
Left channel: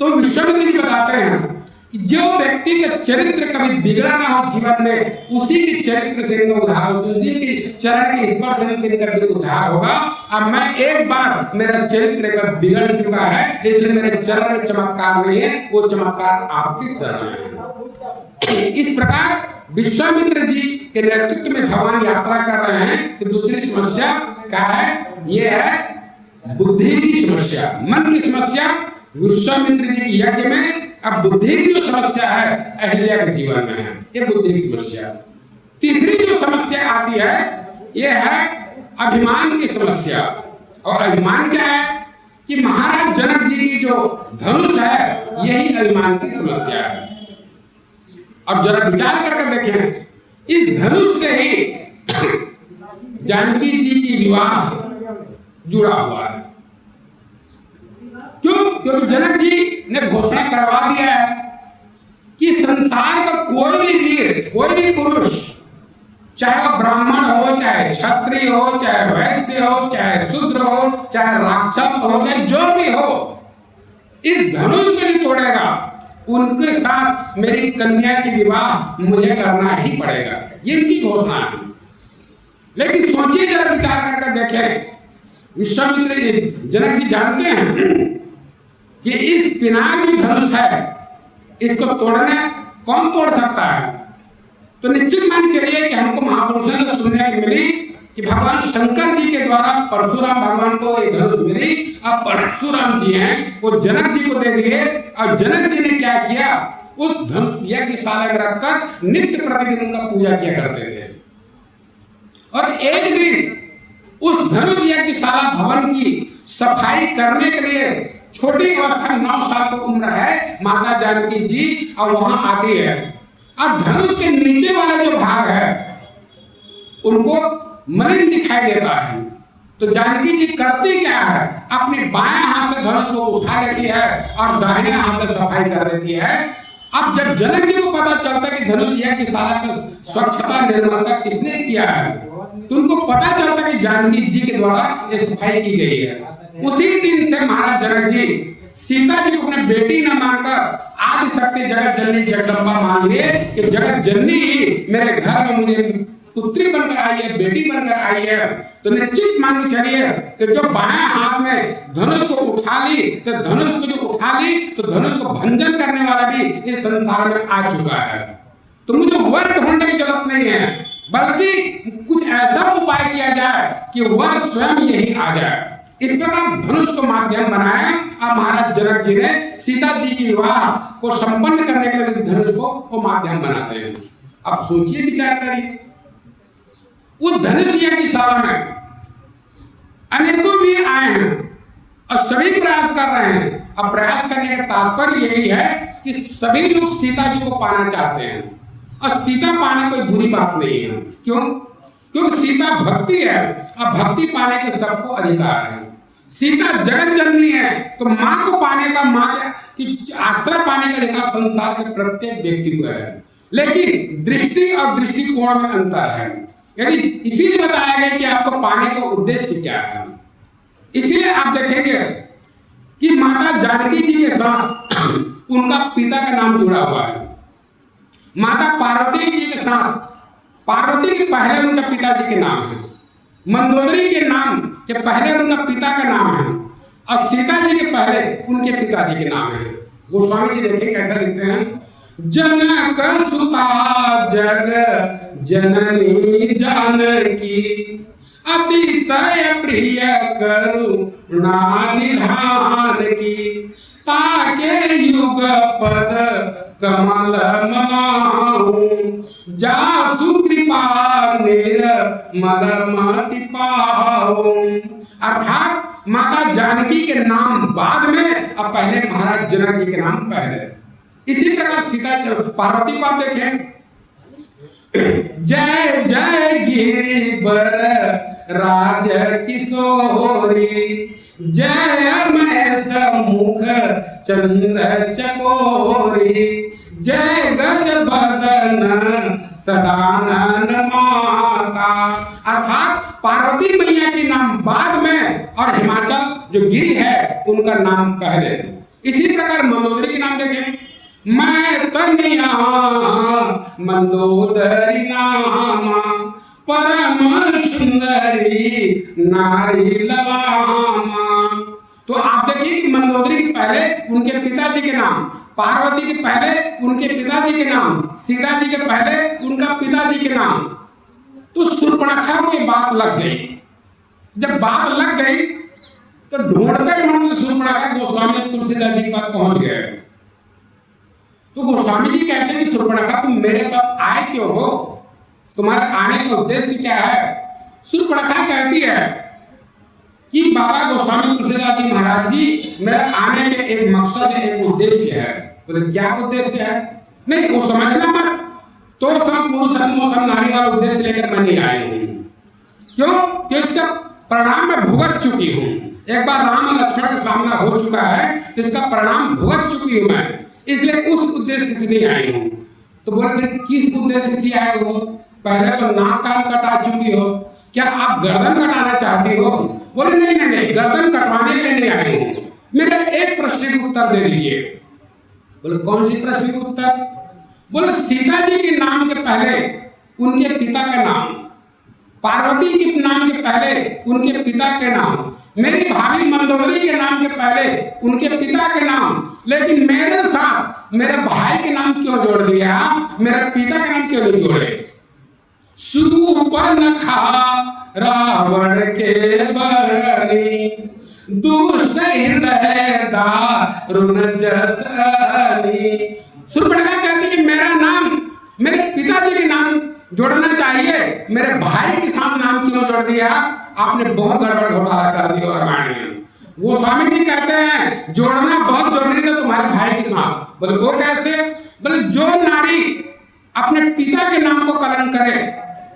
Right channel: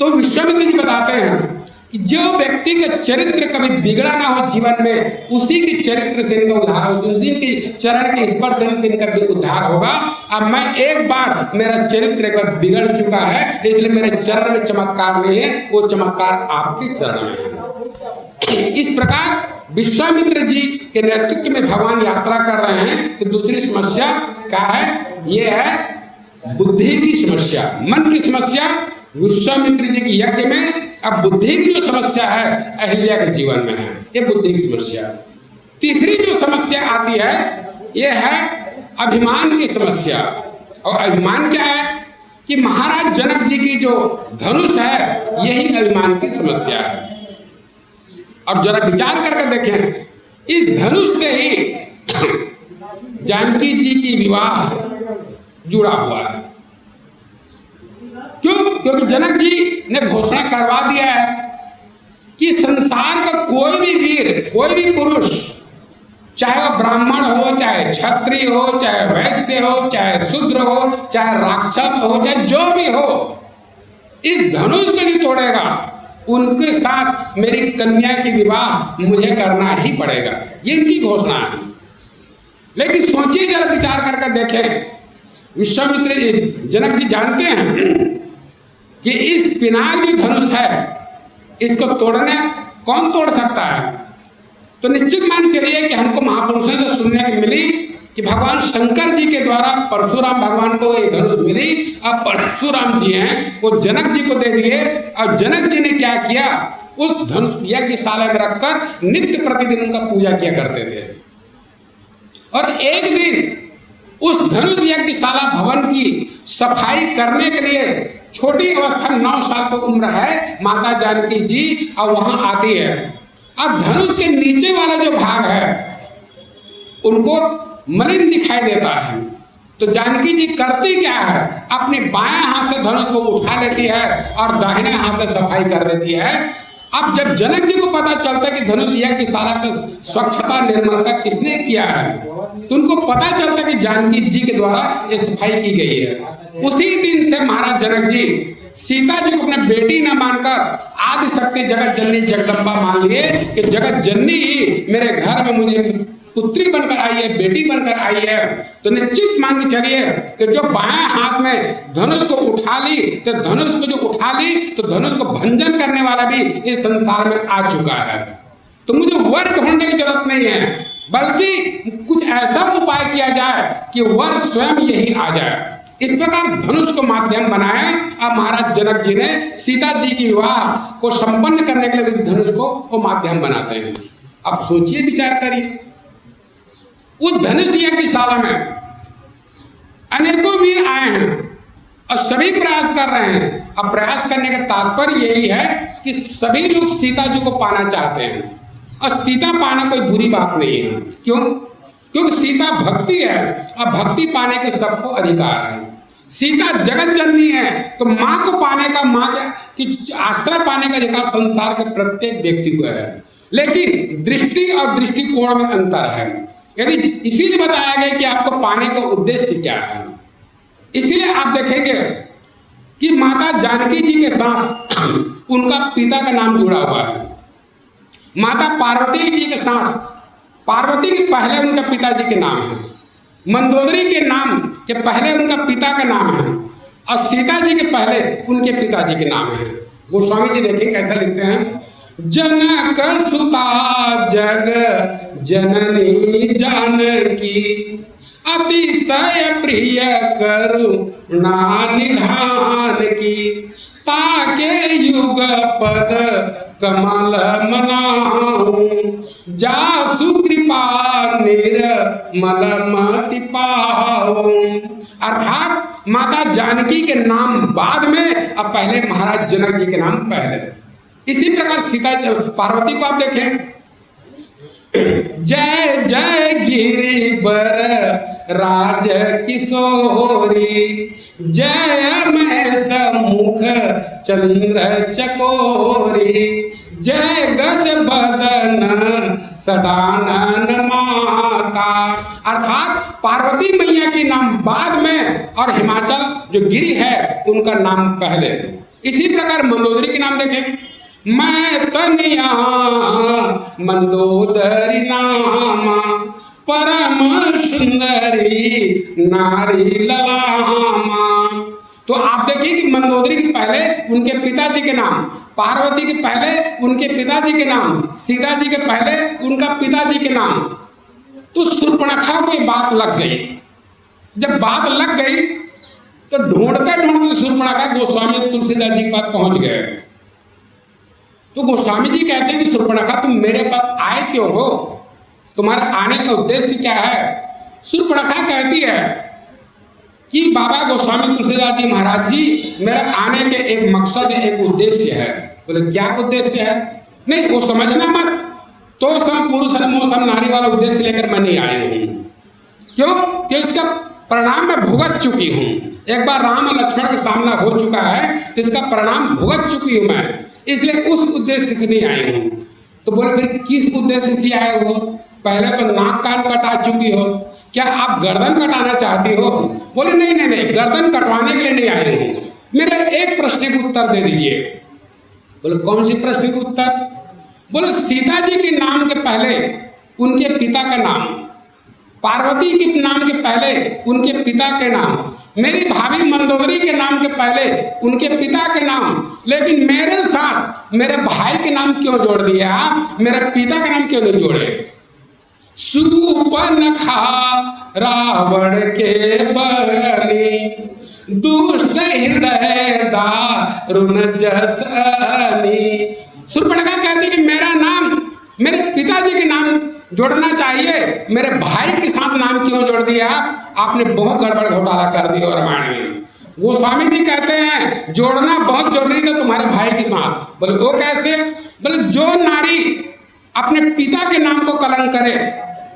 तो विश्वामित्र जी बताते हैं कि जो व्यक्ति का चरित्र कभी बिगड़ा ना हो जीवन में, उसी के चरित्र से इनका उद्धार हो, उसी के चरण के स्पर्श से इनका भी उद्धार होगा। अब मैं एक बार, मेरा चरित्र एक बार बिगड़ चुका है, इसलिए मेरे चरण में चमत्कार नहीं है, वो चमत्कार आपके चरण में है। इस प्रकार विश्वामित्र जी के नेतृत्व में भगवान यात्रा कर रहे हैं। तो दूसरी समस्या क्या है? ये है बुद्धि की समस्या, मन की समस्या विश्वामित्र जी के यज्ञ में। अब बुद्धि की जो समस्या है अहिल्या के जीवन में है, ये बुद्धि की समस्या। तीसरी जो समस्या आती है ये है अभिमान की समस्या। और अभिमान क्या है कि महाराज जनक जी की जो धनुष है यही अभिमान की समस्या है। अब जरा विचार करके देखें, इस धनुष से ही जानकी जी की विवाह जुड़ा हुआ है। क्यों? क्योंकि जनक जी ने घोषणा करवा दिया है कि संसार का कोई भी वीर, कोई भी पुरुष, चाहे वो ब्राह्मण हो, चाहे क्षत्रिय हो, चाहे वैश्य हो, चाहे शूद्र हो, चाहे राक्षस हो, चाहे जो भी हो, इस धनुष को जो तोड़ेगा उनके साथ मेरी कन्या की विवाह मुझे करना ही पड़ेगा। ये इनकी घोषणा है। लेकिन सोचिए, जरा विचार करके देखें, विश्वामित्र जनक जी जानते हैं कि इस पिनाक जो धनुष है इसको तोड़ने कौन तोड़ सकता है? तो निश्चित मान चलिए कि हमको महापुरुषों से सुनने को मिली कि भगवान शंकर जी के द्वारा परशुराम भगवान को ये धनुष मिली। अब परशुराम जी हैं, वो जनक जी को दे दिए। और जनक जी ने क्या किया, उस धनुष यज्ञशाला में रखकर नित्य प्रतिदिन उनका पूजा किया करते थे। और एक दिन उस धनुष यज्ञशाला भवन की सफाई करने के लिए छोटी अवस्था में 9 साल की उम्र है माता जानकी जी, और वहां आती है। अब धनुष के नीचे वाला जो भाग है उनको मलिन दिखाई देता है। तो जानकी जी करती क्या है, अपने बाएं हाथ से धनुष को उठा लेती है और दाहिने हाथ से सफाई कर देती है। अब जब जनक जी को पता चलता है कि धनुष यज्ञशाला का स्वच्छता निर्मलता किसने किया है, तो उनको पता चलता है कि जानकी जी के द्वारा ये सफाई की गई है। उसी दिन से महाराज जनक जी सीता जी को अपने बेटी न मानकर आदि शक्ति जगत जननी जगदम्बा मान लिए कि जगत जननी ही मेरे घर में मुझे पुत्री बनकर आई है, बेटी बनकर आई है। तो निश्चित मान के चलिए कि जो बाएं हाथ में धनुष को उठा ली, तो धनुष को जो उठा ली तो धनुष को भंजन करने वाला भी इस संसार में आ चुका है। तो मुझे वर ढूंढने की जरूरत नहीं है, बल्कि कुछ ऐसा उपाय किया जाए कि वर स्वयं यही आ जाए। इस प्रकार धनुष को माध्यम बनाया। अब महाराज जनक जी ने सीता जी की विवाह को संपन्न करने के लिए धनुष को वो माध्यम बनाते हैं। अब सोचिए, विचार करिए, उस धनुष यज्ञशाला में अनेकों वीर आए हैं और सभी प्रयास कर रहे हैं। अब प्रयास करने का तात्पर्य यही है कि सभी लोग सीता जी को पाना चाहते हैं, और सीता पाना कोई बुरी बात नहीं है। क्यों? क्योंकि सीता भक्ति है और भक्ति पाने के सबको अधिकार है। सीता जगत जननी है, तो माँ को पाने का, माँ की आश्रय पाने का अधिकार संसार के प्रत्येक व्यक्ति को है। लेकिन दृष्टि और दृष्टिकोण में अंतर है। यदि इसीलिए बताया गया कि आपको पाने का उद्देश्य क्या है। इसीलिए आप देखेंगे कि माता जानकी जी के साथ उनका पिता का नाम जुड़ा हुआ है। माता पार्वती जी के साथ पार्वती के पहले उनका पिताजी के नाम है, मंदोदरी के नाम के पहले उनका पिता का नाम है, और सीता जी के पहले उनके पिताजी के नाम है। गोस्वामी जी देखिए कैसा लिखते हैं, जनक सुता जग जननी जानकी अतिशय प्रिय करुणा निधान की, ताके युग पद कमल मनाऊं, जासु कृपा निर्मल मति पाऊं। अर्थात माता जानकी के नाम बाद में, अब पहले महाराज जनक जी के नाम पहले। इसी प्रकार सीता पार्वती को आप देखें, जय जय गिरिवर राज किशोरी, जय मैं सम्मुख चंद्र चकोरी, जय गज बदन सदानन माता। अर्थात पार्वती मैया के नाम बाद में और हिमाचल जो गिरी है उनका नाम पहले। इसी प्रकार मंदोदरी के नाम देखें, मैं तनिया मंदोदरी नामा, परम सुंदरी नारी ललामा। तो आप देखिए कि मंदोदरी के पहले उनके पिताजी के नाम, पार्वती के पहले उनके पिताजी के नाम, सीता जी के पहले उनका पिताजी के नाम। तो शूर्पणखा को बात लग गई। जब बात लग गई तो ढूंढते ढूंढते शूर्पणखा गोस्वामी तुलसीदास जी के पास पहुंच गए। तो गोस्वामी जी कहते हैं कि शूर्पणखा तुम मेरे पास आए क्यों हो, तुम्हारा आने का उद्देश्य क्या है? शूर्पणखा कहती है कि बाबा गोस्वामी तुलसीदास जी महाराज जी, मेरा आने के एक मकसद है, एक उद्देश्य है। बोले क्या उद्देश्य है? नहीं वो समझना मत, तो सम पुरुष सम नारी वाला उद्देश्य लेकर मैं नहीं आई हूँ। क्यों? कि इसका परिणाम मैं भुगत चुकी हूँ। एक बार राम और लक्ष्मण का सामना हो चुका है तो इसका परिणाम भुगत चुकी हूँ मैं, इसलिए उस उद्देश्य से नहीं आई हूँ। तो बोले फिर किस उद्देश्य से आए हो? पहले तो नाक कान कटा चुकी हो, क्या आप गर्दन कटाना चाहती हो? बोले नहीं नहीं नहीं, गर्दन कटवाने के लिए नहीं आई हूँ, मेरे एक प्रश्न के उत्तर दे दीजिए। बोले कौन सी प्रश्न के उत्तर? बोले सीता जी के नाम के पहले उनके पिता का नाम, पार्वती के नाम के पहले उनके पिता के नाम, मेरी भाभी मंदोदरी के नाम के पहले उनके पिता के नाम, लेकिन मेरे साथ मेरे भाई के नाम क्यों जोड़ दिया आप? मेरे पिता का नाम क्यों नहीं जोड़े? शूर्पणखा रावण के बली, दुष्ट हृदय दारुण जसनी। शूर्पणखा कहती कि मेरा नाम मेरे पिताजी के नाम जोड़ना चाहिए, मेरे भाई के साथ नाम क्यों जोड़ दिया? आपने बहुत गड़बड़ घोटाला कर दिया रामायण में। गोस्वामी जी कहते हैं जोड़ना बहुत जरूरी था तुम्हारे भाई के साथ। बोले वो कैसे? बोले जो नारी अपने पिता के नाम को कलंक करे,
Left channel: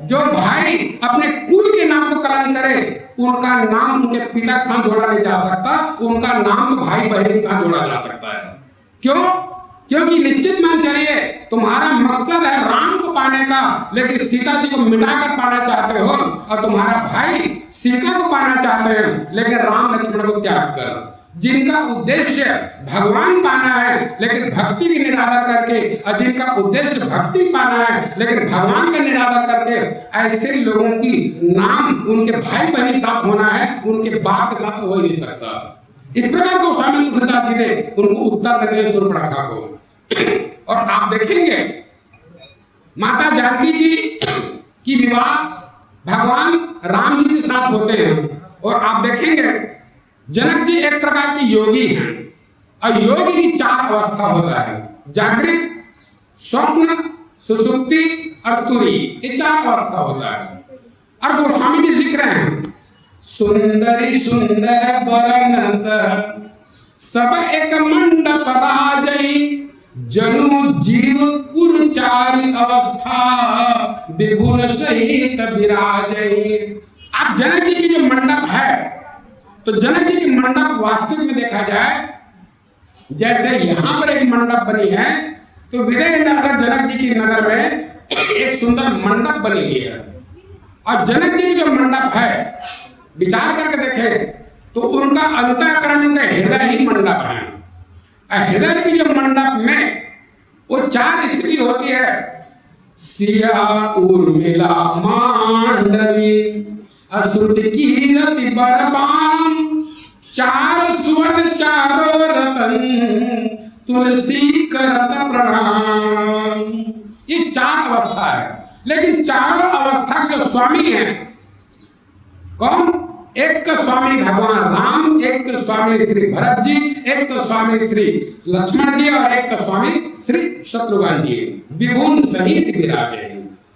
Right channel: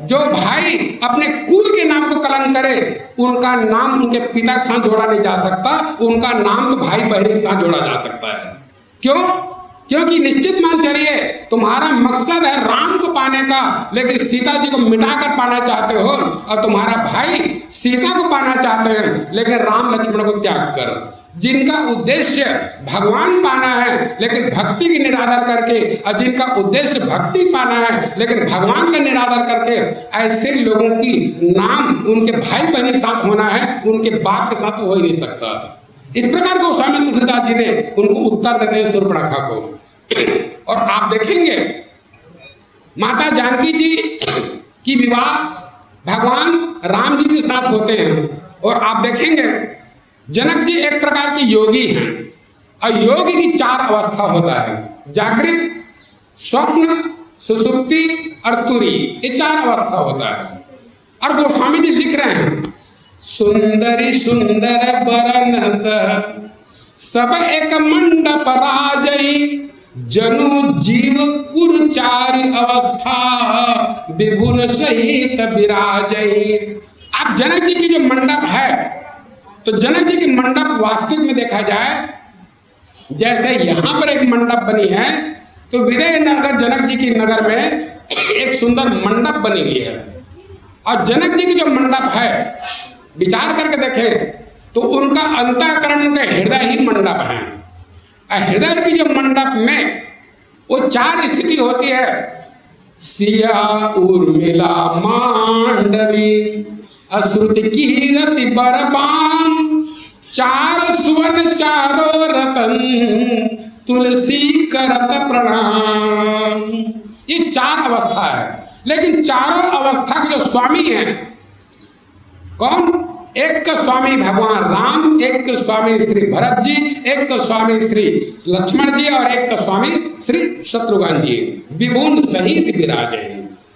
जो भाई अपने कुल के नाम को कलंक करे, उनका नाम उनके पिता के साथ जोड़ा नहीं जा सकता, उनका नाम तो भाई बहन के साथ जोड़ा जा सकता है। क्यों? क्योंकि निश्चित मान चलिए तुम्हारा मकसद है राम को पाने का, लेकिन सीता जी को मिटाकर पाना चाहते हो, और तुम्हारा भाई सीता को पाना चाहते हैं लेकिन राम लक्ष्मण को त्याग कर। जिनका उद्देश्य भगवान पाना है लेकिन भक्ति की निरादर करके, और जिनका उद्देश्य भक्ति पाना है लेकिन भगवान का निरादर करके, ऐसे लोगों की नाम उनके भाई बहन के साथ होना है, उनके बाप के साथ हो ही नहीं सकता। इस प्रकार गोस्वामी तुलसीदास जी ने उनको उत्तर देते हैं शूर्पणखा को। और आप देखेंगे माता जानकी जी की विवाह भगवान राम जी के साथ होते हैं, और आप देखेंगे जनक जी एक प्रकार के योगी हैं, और योग की 4 अवस्था होता है, जागृत, स्वप्न, सुषुप्ति और तुरी, ये 4 अवस्था होता है। और गोस्वामी जी लिख रहे हैं सुंदरी सुंदर बरनस सब एक मंडप राजई, जनु जीव पुरचारी अवस्था विभुन सहित विराजई। आप जनक जी की जो मंडप है, तो जनक जी की मंडप वास्तविक में देखा जाए, जैसे यहाँ पर एक मंडप बनी है, तो विजयनगर जनक जी की नगर में एक सुंदर मंडप बनी हुई है। और जनक जी की जो मंडप है, विचार करके देखें तो उनका अंतःकरण, उनका हृदय ही मंडप है। हृदय की जो मंडप में वो 4 स्थिति होती है, सिया उर्मिला मांडवी, अश्रुत कीरति बरबाम, 4 सुवर्ण 4 रतन, तुलसी करत प्रणाम। ये 4 अवस्था है, लेकिन चारों अवस्था के जो स्वामी हैं कौन? एक का स्वामी भगवान राम, एक का स्वामी श्री भरत जी, एक का स्वामी श्री लक्ष्मण जी, और एक का स्वामी श्री शत्रुघ्न जी, विभुन सहित विराजे।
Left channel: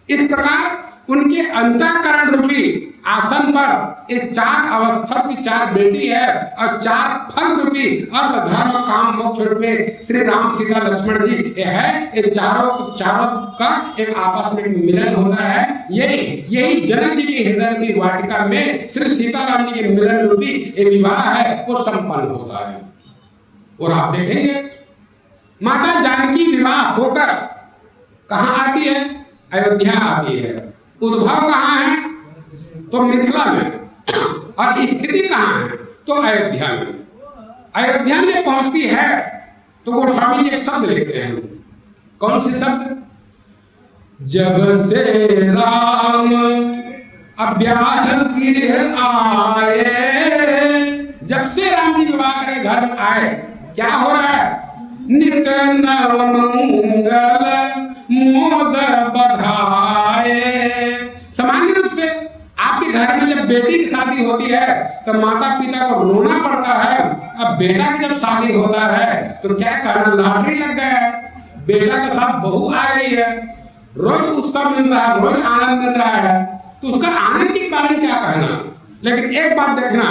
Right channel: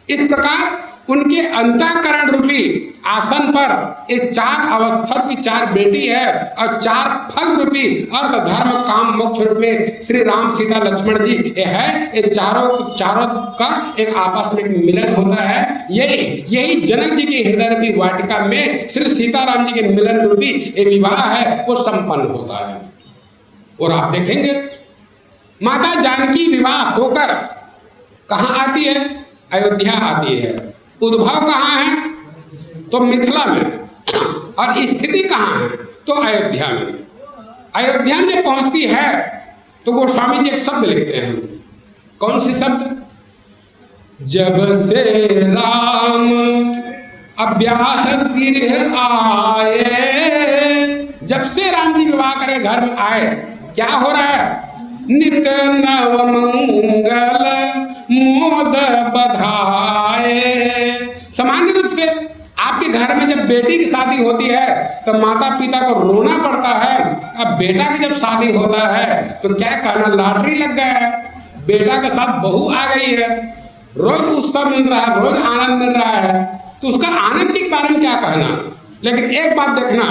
इस प्रकार उनके अंतःकरण रूपी आसन पर ये 4 अवस्था की 4 बेटी है और 4 फल रूपी अर्थ धर्म काम मोक्ष रूप में श्री राम सीता लक्ष्मण जी ये है। ये चारों का एक आपस में मिलन होता है। यही जनक जी की हृदय रूपी वाटिका में श्री सीताराम जी के मिलन रूपी ये विवाह है वो संपन्न होता है। और आप देखेंगे माता जानकी विवाह होकर कहाँ आती है? अयोध्या आती है। उद्भव कहाँ है? तो मिथिला में। और स्थिति कहाँ है? तो अयोध्या में। अयोध्या में पहुंचती है तो गोस्वामी जी एक शब्द लिखते हैं। कौन से शब्द? जब से राम अब्याह गृह आए। जब से राम जी विवाह करे घर में आए क्या हो रहा है? नित नव मंगल मोद बधाए। सामान्य रूप से आपके घर में जब बेटी की शादी होती है तो माता पिता को रोना पड़ता है। अब बेटा की जब शादी होता है तो क्या कहना, लॉटरी लग गया है, बेटा के साथ बहू आ गई है, रोज उत्सव मिल रहा है, रोज आनंद मिल रहा है, तो उसका आनंद के बारे में क्या कहना। लेकिन एक बात देखना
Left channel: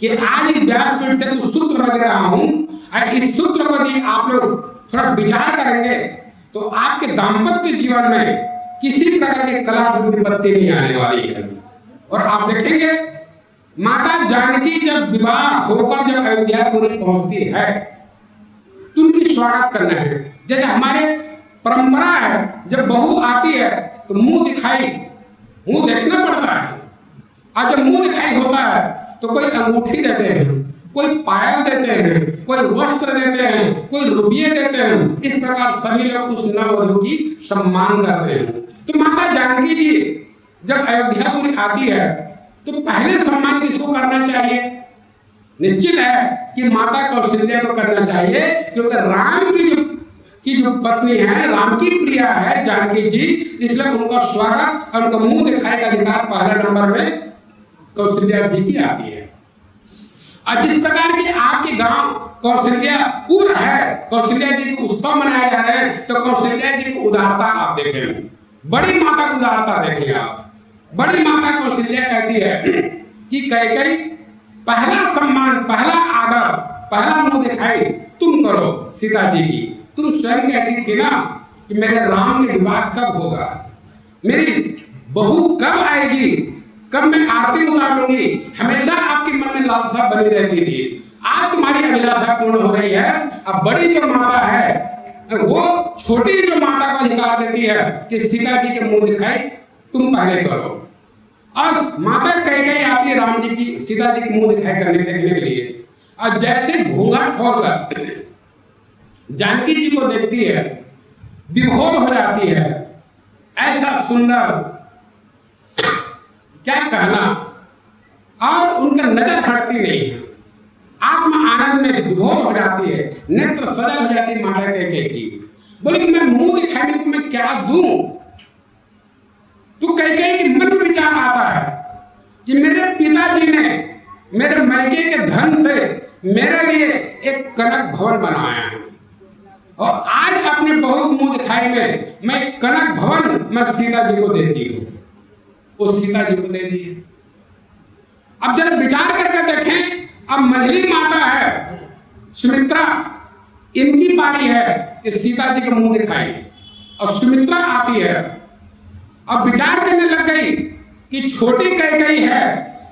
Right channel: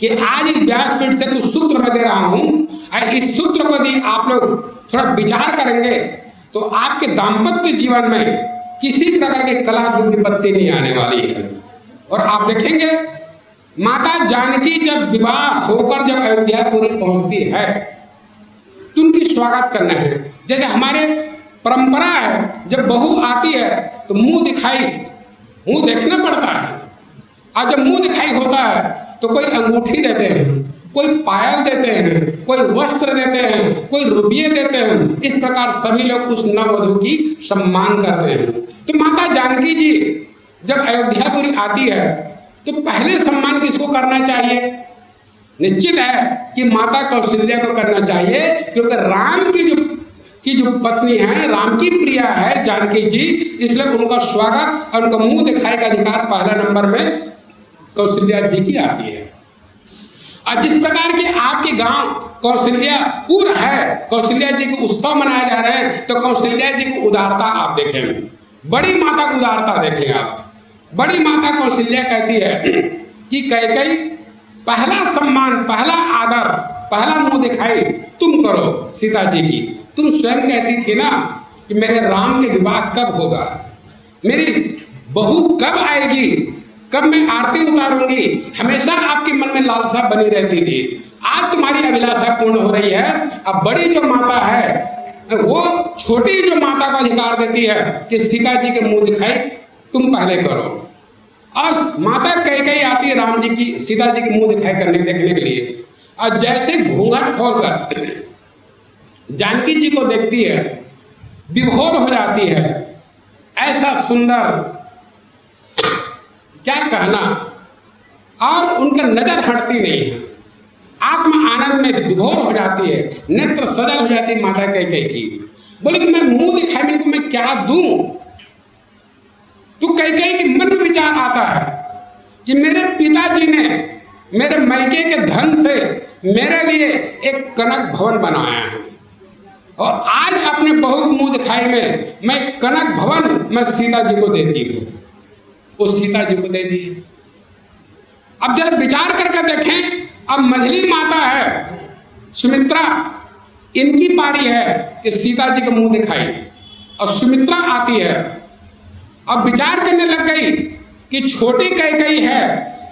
कि आज इस व्यासपीठ से कुछ सूत्र मैं दे रहा हूं और इस सूत्र को यदि आप लोग थोड़ा विचार करेंगे तो आपके दाम्पत्य जीवन में किसी प्रकार की कला विपत्ति नहीं आने वाली है। और आप देखेंगे माता जानकी जब विवाह होकर जब अयोध्यापुरी पहुंचती है तो उनकी स्वागत करना है। जैसे हमारे परंपरा है जब बहू आती है तो मुंह देखना पड़ता है। और जब मुंह दिखाई होता है तो कोई अंगूठी देते हैं, कोई पायल देते हैं, कोई वस्त्र देते हैं, कोई रुपये देते हैं। इस प्रकार सभी लोग उस नववधू की सम्मान करते हैं। तो माता जानकी जी जब अयोध्यापुरी आती है तो पहले सम्मान किसको करना चाहिए? निश्चित है कि माता कौशल्या को करना चाहिए, क्योंकि राम की जो पत्नी है, राम की प्रिया है जानकी जी, इसलिए उनका स्वागत और उनका मुंह दिखाई का अधिकार पहले नंबर में कौशल्या जी की आती है। और जिस प्रकार के आपके गांव कौशल्यापुर है, कौशल्या जी के उत्सव मनाए जा रहे हैं, तो कौशल्या जी की उदारता आप देखें, बड़ी माता की उदारता देखें आप। बड़ी माता कौशल्या कहती है कि कैकेयी पहला सम्मान, पहला आदर, पहला मुंह दिखाई तुम करो सीता जी की। तुम स्वयं कहती थी ना कि मेरे राम के विवाह कब होगा, मेरी बहू कब आएगी, कब मैं आरती उतारूंगी, हमेशा आपके मन में लालसा बनी रहती थी। आज तुम्हारी अभिलाषा पूर्ण हो रही है। अब बड़ी जो माता है वो छोटी जो माता को अधिकार देती है कि सीता जी के मुंह दिखाई तुम पहले करो। और माता कैकेयी आती है राम जी की, सीता जी के मुंह दिखाई देखने के लिए। और जैसे घूंघट खोलकर जानकी जी को देखती है, विभोर हो जाती है। ऐसा सुंदर क्या कहना, और उनका नजर हटती नहीं है, आत्म आनंद में विभोर हो जाती है, नेत्र सजल हो जाती है माता कैकेयी की। बोले कि मैं मुंह दिखाने को मैं क्या दूं? तो कैकेयी के मन में विचार आता है कि मेरे पिताजी ने मेरे मैके के धन से मेरे लिए एक कनक भवन बनाया है और आज अपने बहू के मुंह दिखाई में मैं कनक भवन मैं सीता जी को देती हूँ। वो सीता जी को दे दी। अब जरा विचार करके देखें, अब मझली माता है सुमित्रा, इनकी पारी है कि सीता जी को मुंह दिखाई, और सुमित्रा आती है। अब विचार करने लग गई कि छोटी कैकेयी है,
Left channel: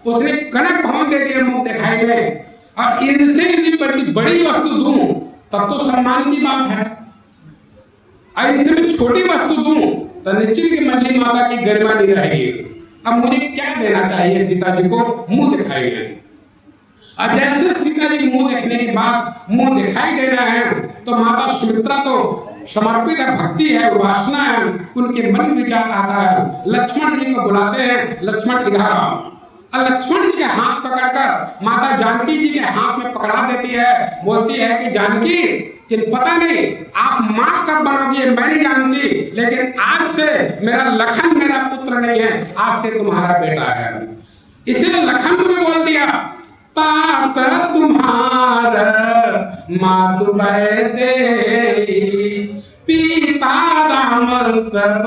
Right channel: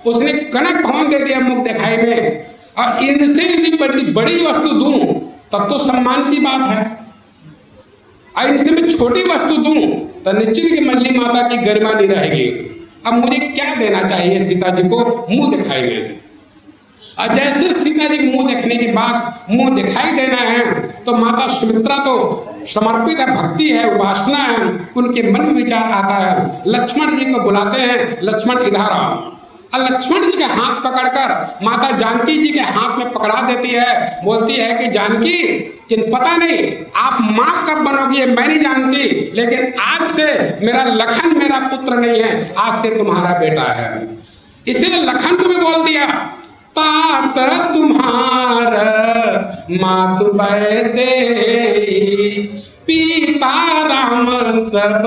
उसने कनक भवन दे दिया मुंह दिखाई में, और इनसे यदि बड़ी वस्तु दूं तब तो सम्मान की बात है, और इनसे मैं छोटी वस्तु दूं तो निश्चित की मझली माता की गरिमा नहीं रहेगी। अब मुझे क्या देना चाहिए सीता जी को मुंह दिखाई में? और जैसे सीता जी को मुंह देखने के बाद मुंह दिखाई देना है तो माता सुमित्रा तो समर्पित है, भक्ति है, उपासना है, उनके मन में विचार आता है। लक्ष्मण जी को बुलाते हैं, लक्ष्मण इधर आओ। और लक्ष्मण जी के हाथ पकड़कर माता जानकी जी के हाथ में पकड़ा देती है, बोलती है कि जानकी कि पता नहीं आप माँ कब बनोगी मैं नहीं जानती, लेकिन आज से मेरा लखन मेरा पुत्र नहीं है, आज से तुम्हारा बेटा है। इसीलिए लखन को भी बोल दिया, तात तुम्हार मातु दे पिता राम सब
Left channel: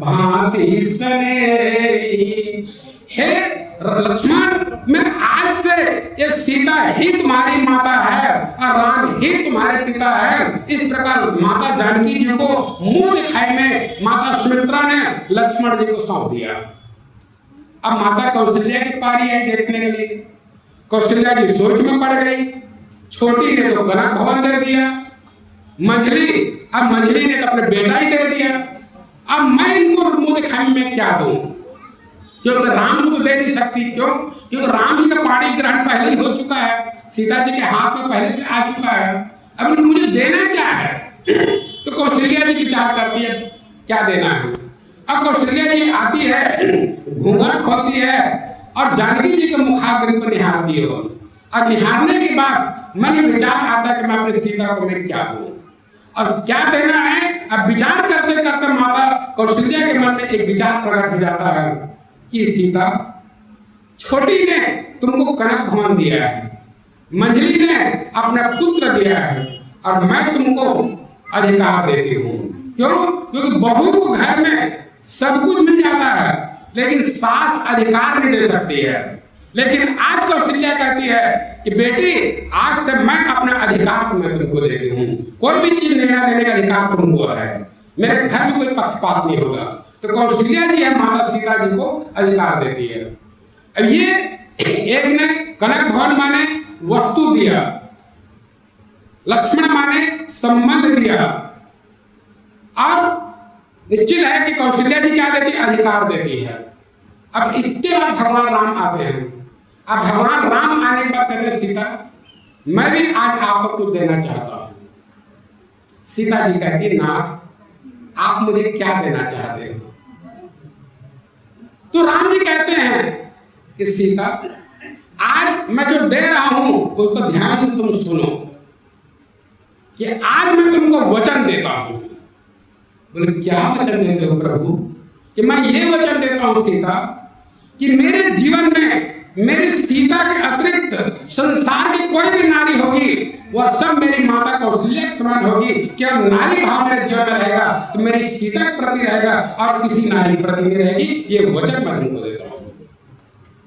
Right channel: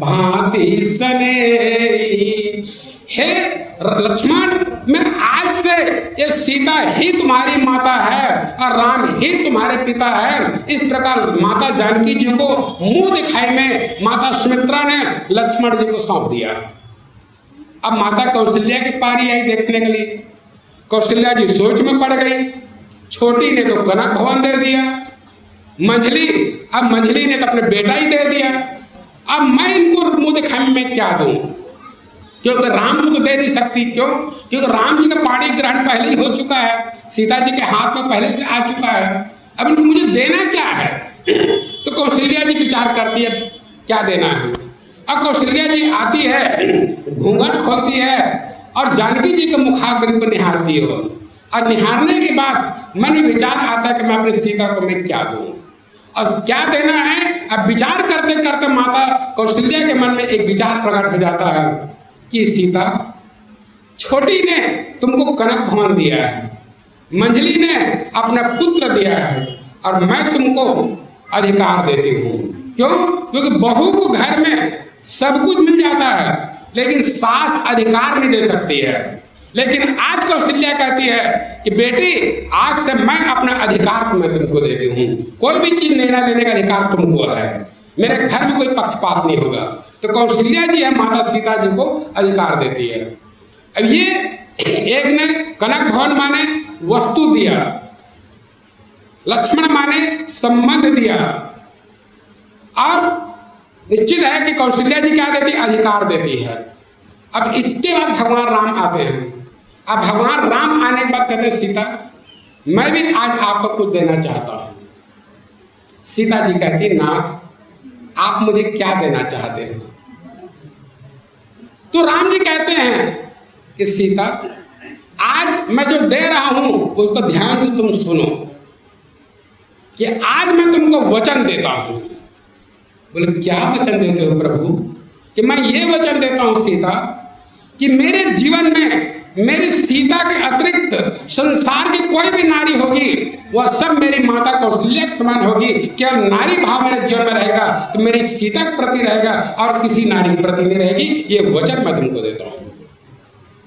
भांति सने। लक्ष्मण, मैं आज से ये सीता ही तुम्हारी माता है और राम ही तुम्हारे पिता है। इस प्रकार माता जानकी जी को मुंह दिखाई में माता सुमित्रा ने लक्ष्मण जी को सौंप दिया। अब माता कौशल्या की पारी आई देखने के लिए। कौशल्या जी सोच में पड़ गई। छोटी ने तो कनक भवन दे दिया, मंझली ने तो अपने बेटा ही दे दिया। अब मैं इनको मुंह दिखाई में क्या दूं? क्योंकि राम को तो दे नहीं सकती। क्यों? क्योंकि राम जी का पाणी ग्रहण पहले ही हो चुका है, सीता जी के हाथ में पहले से आ चुका है। अब इनको मुझे देना क्या है? तो कौशल्या जी विचार करती है क्या देना है। अब कौशल्या जी आती है, घूंघट खोलती है और जानकी जी के मुखाग्नि को निहारती हो। और निहारने के बाद मन में विचार आता है कि मैं अपनी सीता को मैं क्या दूं और क्या देना है। अब विचार करते करते माता कौशल्या के मन में एक विचार प्रकट हो जाता है कि सीता, छोटी ने तुमको कनक भवन दिया है, मंझली ने अपना पुत्र दिया है और मैं तुमको अधिकार देती हूँ। क्यों? क्योंकि बहू को घर में सब कुछ मिल जाता है लेकिन सास अधिकार नहीं दे सकती है। लेकिन आज कौशल्या कहती है कि बेटी, आज से मैं अपना अधिकार तुम्हें तुमको देती हूँ। कोई भी चीज निर्णय लेने का अधिकार तुमको है, मेरे घर में कोई पक्षपात नहीं होगा। तो कौशल्या जी है माता सीता जी को अधिकार देती है। अब ये एक ने कनक भवन माने वस्तु दिया, लक्ष्मण माने संबंध दिया, और निश्चित है कि कौशल्या जी क्या देती? अधिकार देती है। अब इसके बाद भगवान राम आते हैं। अब भगवान राम आने के बाद कहते हैं सीता, मैं भी आज आपको कुछ देना चाहता हूं। सीता जी कहती, नाथ, आप मुझे क्या देना चाहते हैं? तो राम जी कहते हैं कि सीता, आज मैं जो दे रहा हूं उसको ध्यान से तुम सुनो कि आज मैं तुमको वचन देता हूं। बोले, क्या वचन देते हो प्रभु? कि मैं ये वचन देता हूं सीता कि मेरे जीवन में मेरी सीता के अतिरिक्त संसार की कोई भी नारी होगी वह सब मेरी माता कौशल्या के समान होगी। क्या नारी भाव मेरे जीवन में रहेगा तो मेरी सीता के प्रति रहेगा और किसी नारी के प्रति नहीं रहेगी। ये वचन मैं तुमको देता हूं।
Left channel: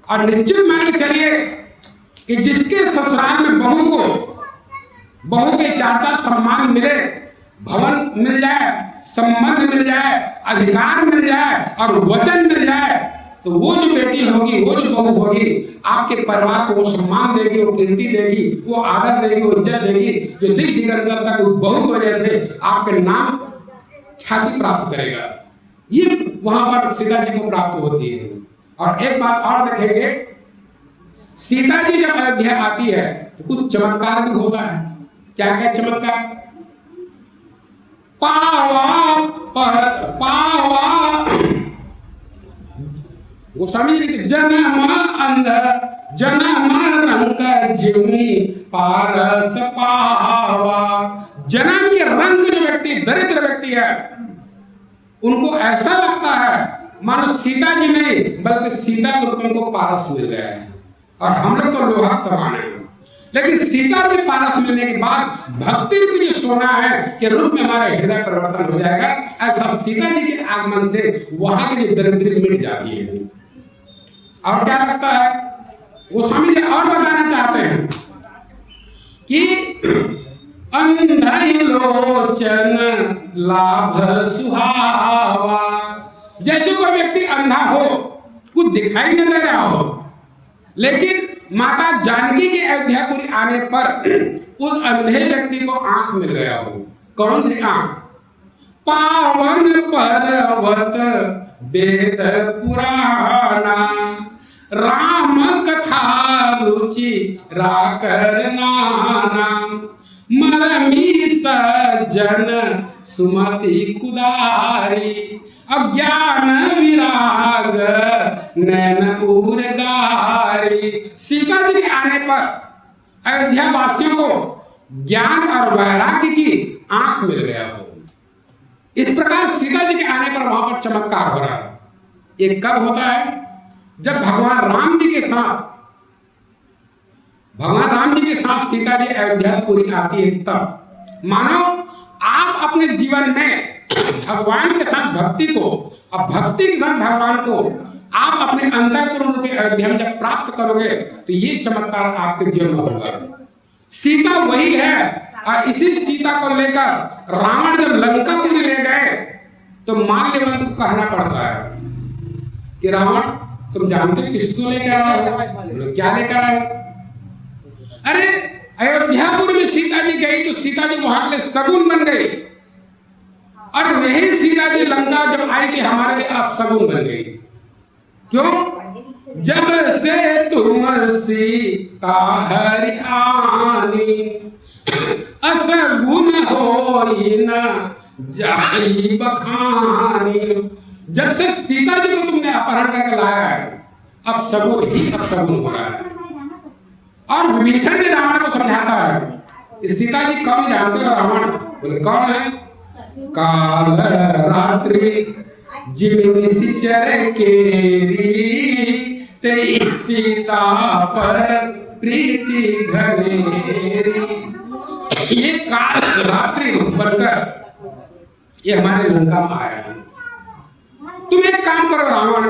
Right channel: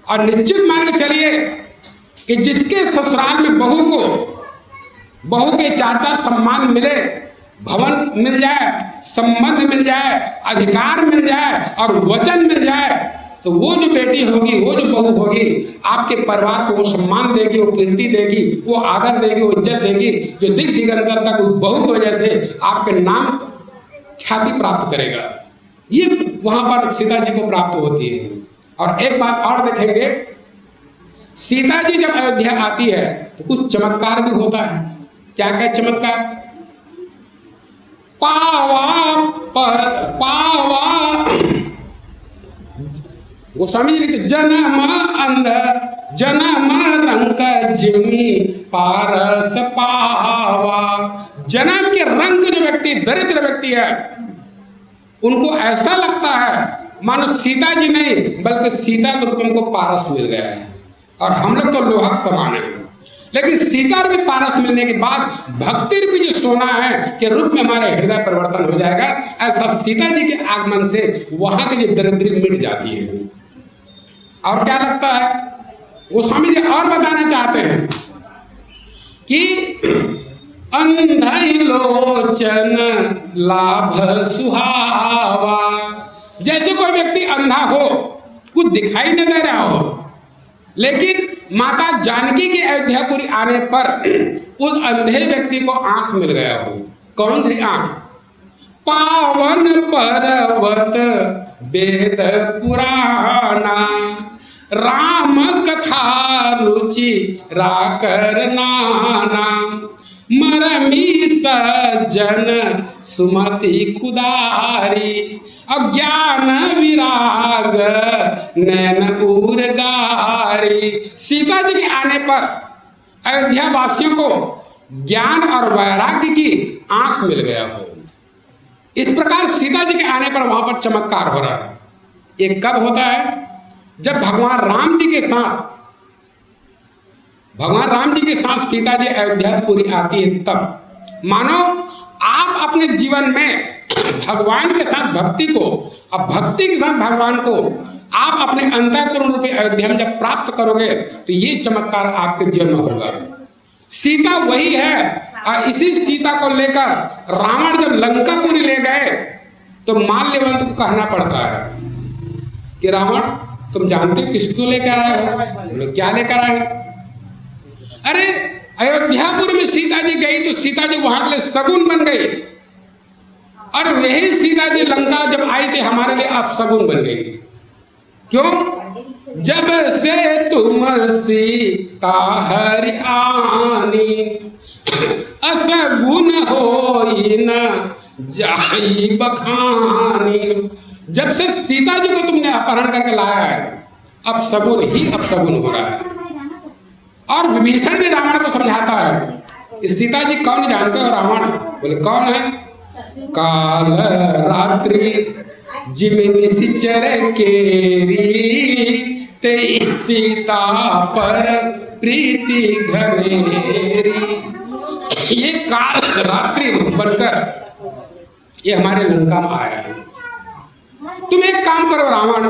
और निश्चित मान के चलिए कि जिसके ससुराल में बहू के चार सम्मान मिले, भवन मिल जाए, संबंध मिल जाए, अधिकार मिल जाए और वचन मिल जाए, तो वो जो बेटी होगी, वो जो बहू होगी, आपके परिवार को वो सम्मान देगी, वो कीर्ति देगी, वो आदर देगी, वो इज्जत देगी, जो दिग दिगंतर तक उस बहू की वजह से आपके नाम ख्याति प्राप्त करेगा। ये वहां पर सीता जी को प्राप्त होती है। और एक बात और देखेंगे, सीता जी जब अयोध्या आती है तो कुछ चमत्कार भी होता है। क्या क्या चमत्कार? गोस्वामी जी लिखते, जन्म अंध जन्म रंग जिमी पारस पावा। जन्म के रंग जो व्यक्ति दरिद्र व्यक्ति है उनको ऐसा लगता है मानो सीता जी नहीं बल्कि सीता के रूप में उनको पारस मिल गया है। और हम लोग तो लोहा समान है, लेकिन सीता रूपी पारस मिलने के बाद भक्ति रूपी जो सोना है के रूप में हमारा हृदय परिवर्तन हो जाएगा। ऐसा सीता जी के आगमन से वहां की जो दरिद्री मिट जाती है। और क्या लगता है? गोस्वामी जी और बताना चाहते हैं कि अंधई लोचन लाभ सुहावा। जैसे कोई व्यक्ति अंधा हो, कुछ दिखाई नहीं दे रहा हो, लेकिन माता जानकी के अयोध्यापुरी आने पर उस अंधे व्यक्ति को आंख मिल गया हो। कौन सी आंख? पावन पर्वत वेद पुराना, राम कथा रुचि राकर नाना, मरमी सज्जन सुमति कुदारी, अज्ञान विराग नैन उर्गारी। सीता जी के आने पर अयोध्या वासियों को ज्ञान और वैराग्य की आंख मिल गया हो। इस प्रकार सीता जी के आने पर वहां पर चमत्कार हो रहा है। ये कब होता है? जब भगवान राम जी के साथ सीता जी अयोध्यापुरी आती है तब। मानो आप अपने जीवन में भगवान के साथ भक्ति को और भक्ति के साथ भगवान को आप अपने अंतःकरण रूपी अयोध्या में जब प्राप्त करोगे तो ये चमत्कार आपके जीवन में होगा। सीता वही है, और इसी सीता को लेकर रावण जब लंकापुरी ले गए तो माल्यवंत को कहना पड़ता है कि रावण तुम जानते हो किसको लेकर आए हो? बोलो क्या लेकर आए हो? अरे अयोध्यापुर में सीता जी गई तो सीता जी वहां के लिए शगुन बन गई, और वही सीता जी लंका जब आई थी हमारे लिए आप शगुन बन गई। क्यों? जब से तुम सीता हरि आनी असगुन होई न जाई बखानी। जब से सीता जी को तुमने अपहरण करके लाया है अब शगुन ही अपशगुन हो रहा है। और विभीषण भी रावण को समझाता है कि सीता जी कौन जानते हो? रावण बोले कौन है? काल रात्रि जिमिनी सिचर केरी ते सीता पर प्रीति घनेरी। ये काल रात्रि बनकर ये हमारे लंका में आया है। तुम एक काम करो रावण,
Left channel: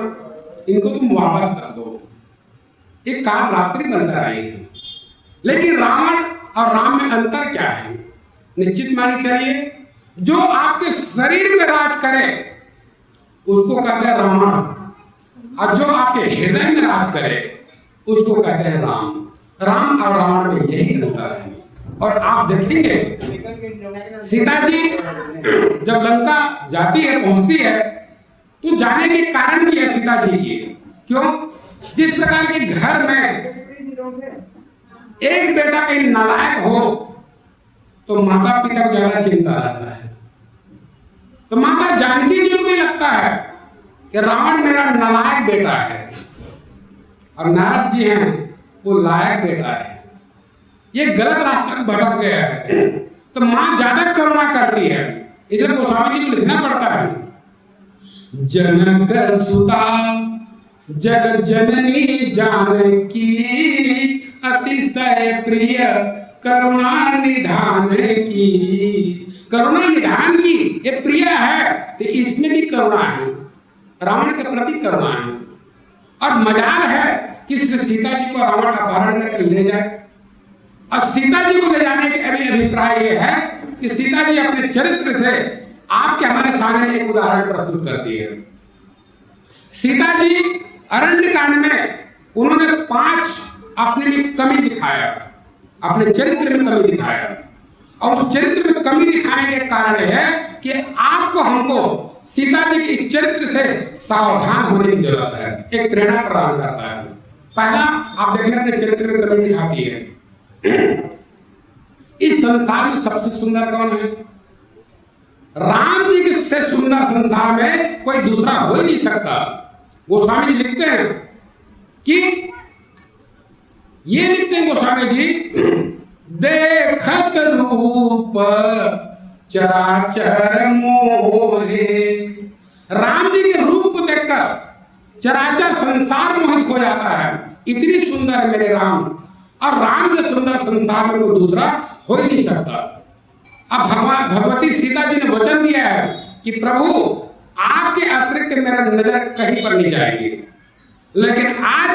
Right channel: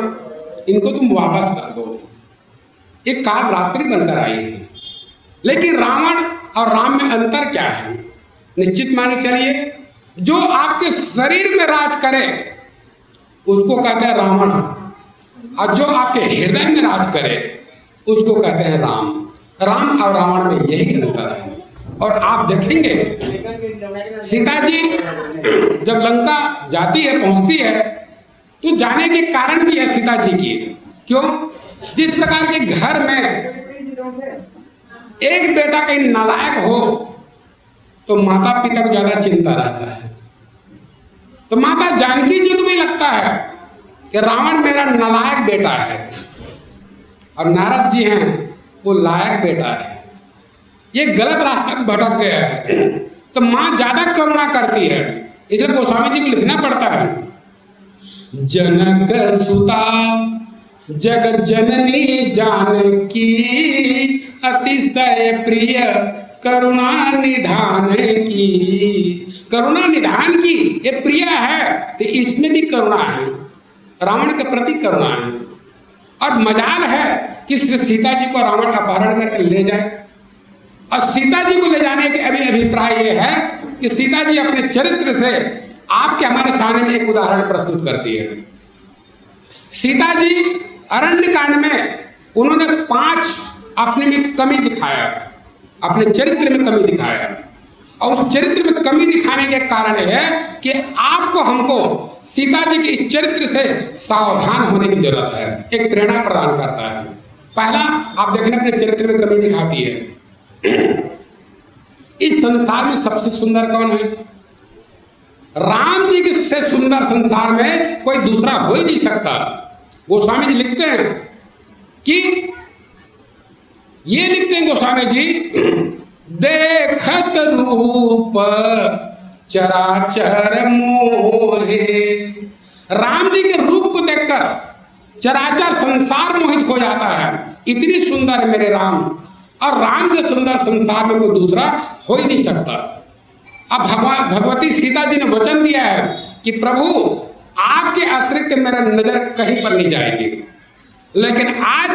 इनको तुम वापस कर दो। एक काल रात्रि बनकर आई है, लेकिन रावण और राम में अंतर क्या है? निश्चित माने चलिए, जो आपके शरीर में राज करे उसको कहते हैं रावण, और जो आपके हृदय में राज करे उसको कहते हैं राम। राम और रावण में यही अंतर है। और आप देखेंगे सीता जी जब लंका जाती है, पहुंचती है, तो जाने के कारण भी है सीता जी की। क्यों? जिस प्रकार के घर में एक बेटा कहीं नालायक हो तो माता पिता को ज्यादा चिंता रहता है। तो माता जानकी जी को भी लगता है कि रावण मेरा नालायक बेटा है और नारद जी हैं वो लायक बेटा है, ये गलत रास्ते में भटक गया है। तो माँ ज्यादा करुणा करती है, इसलिए गोस्वामी जी को लिखना पड़ता है, जनक सुता जग जननी जानकी अतिशय प्रिय करुणा निधान की। करुणा निधान की ये प्रिय है तो इसमें भी करुणा है, रावण के प्रति करुणा है। और मजाल है कि श्री सीता जी को रावण अपहरण करके ले जाए। और सीता जी को ले जाने के अभी अभिप्राय ये है कि सीता जी अपने चरित्र से आपके हमारे सामने में एक उदाहरण प्रस्तुत करती है। सीता जी अरण्य कांड में उन्होंने 5 अपने में कमी दिखाया, अपने चरित्र में कमी दिखाया, और उस चरित्र में कमी दिखाने के कारण है कि आपको हमको सीता जी के इस चरित्र से सावधान होने की जरूरत है। एक प्रेरणा प्रदान करता है। पहला आप देखने अपने चरित्र में कमी दिखाती है। इस संसार में सबसे सुंदर कौन है? राम जी से सुंदर संसार में कोई दूसरा हो ही नहीं सकता। गोस्वामी जी लिखते हैं कि ये लिखते हैं गोस्वामी जी, देखत रूप चराचर मोहे। राम जी के रूप को देखकर चराचर संसार मोहित हो जाता है। इतनी सुंदर है मेरे राम, और राम से सुंदर संसार में कोई दूसरा हो ही नहीं सकता। अब भगवती सीता जी ने वचन दिया है कि प्रभु आपके अतिरिक्त मेरा नजर कहीं पर नहीं जाएगी। लेकिन आज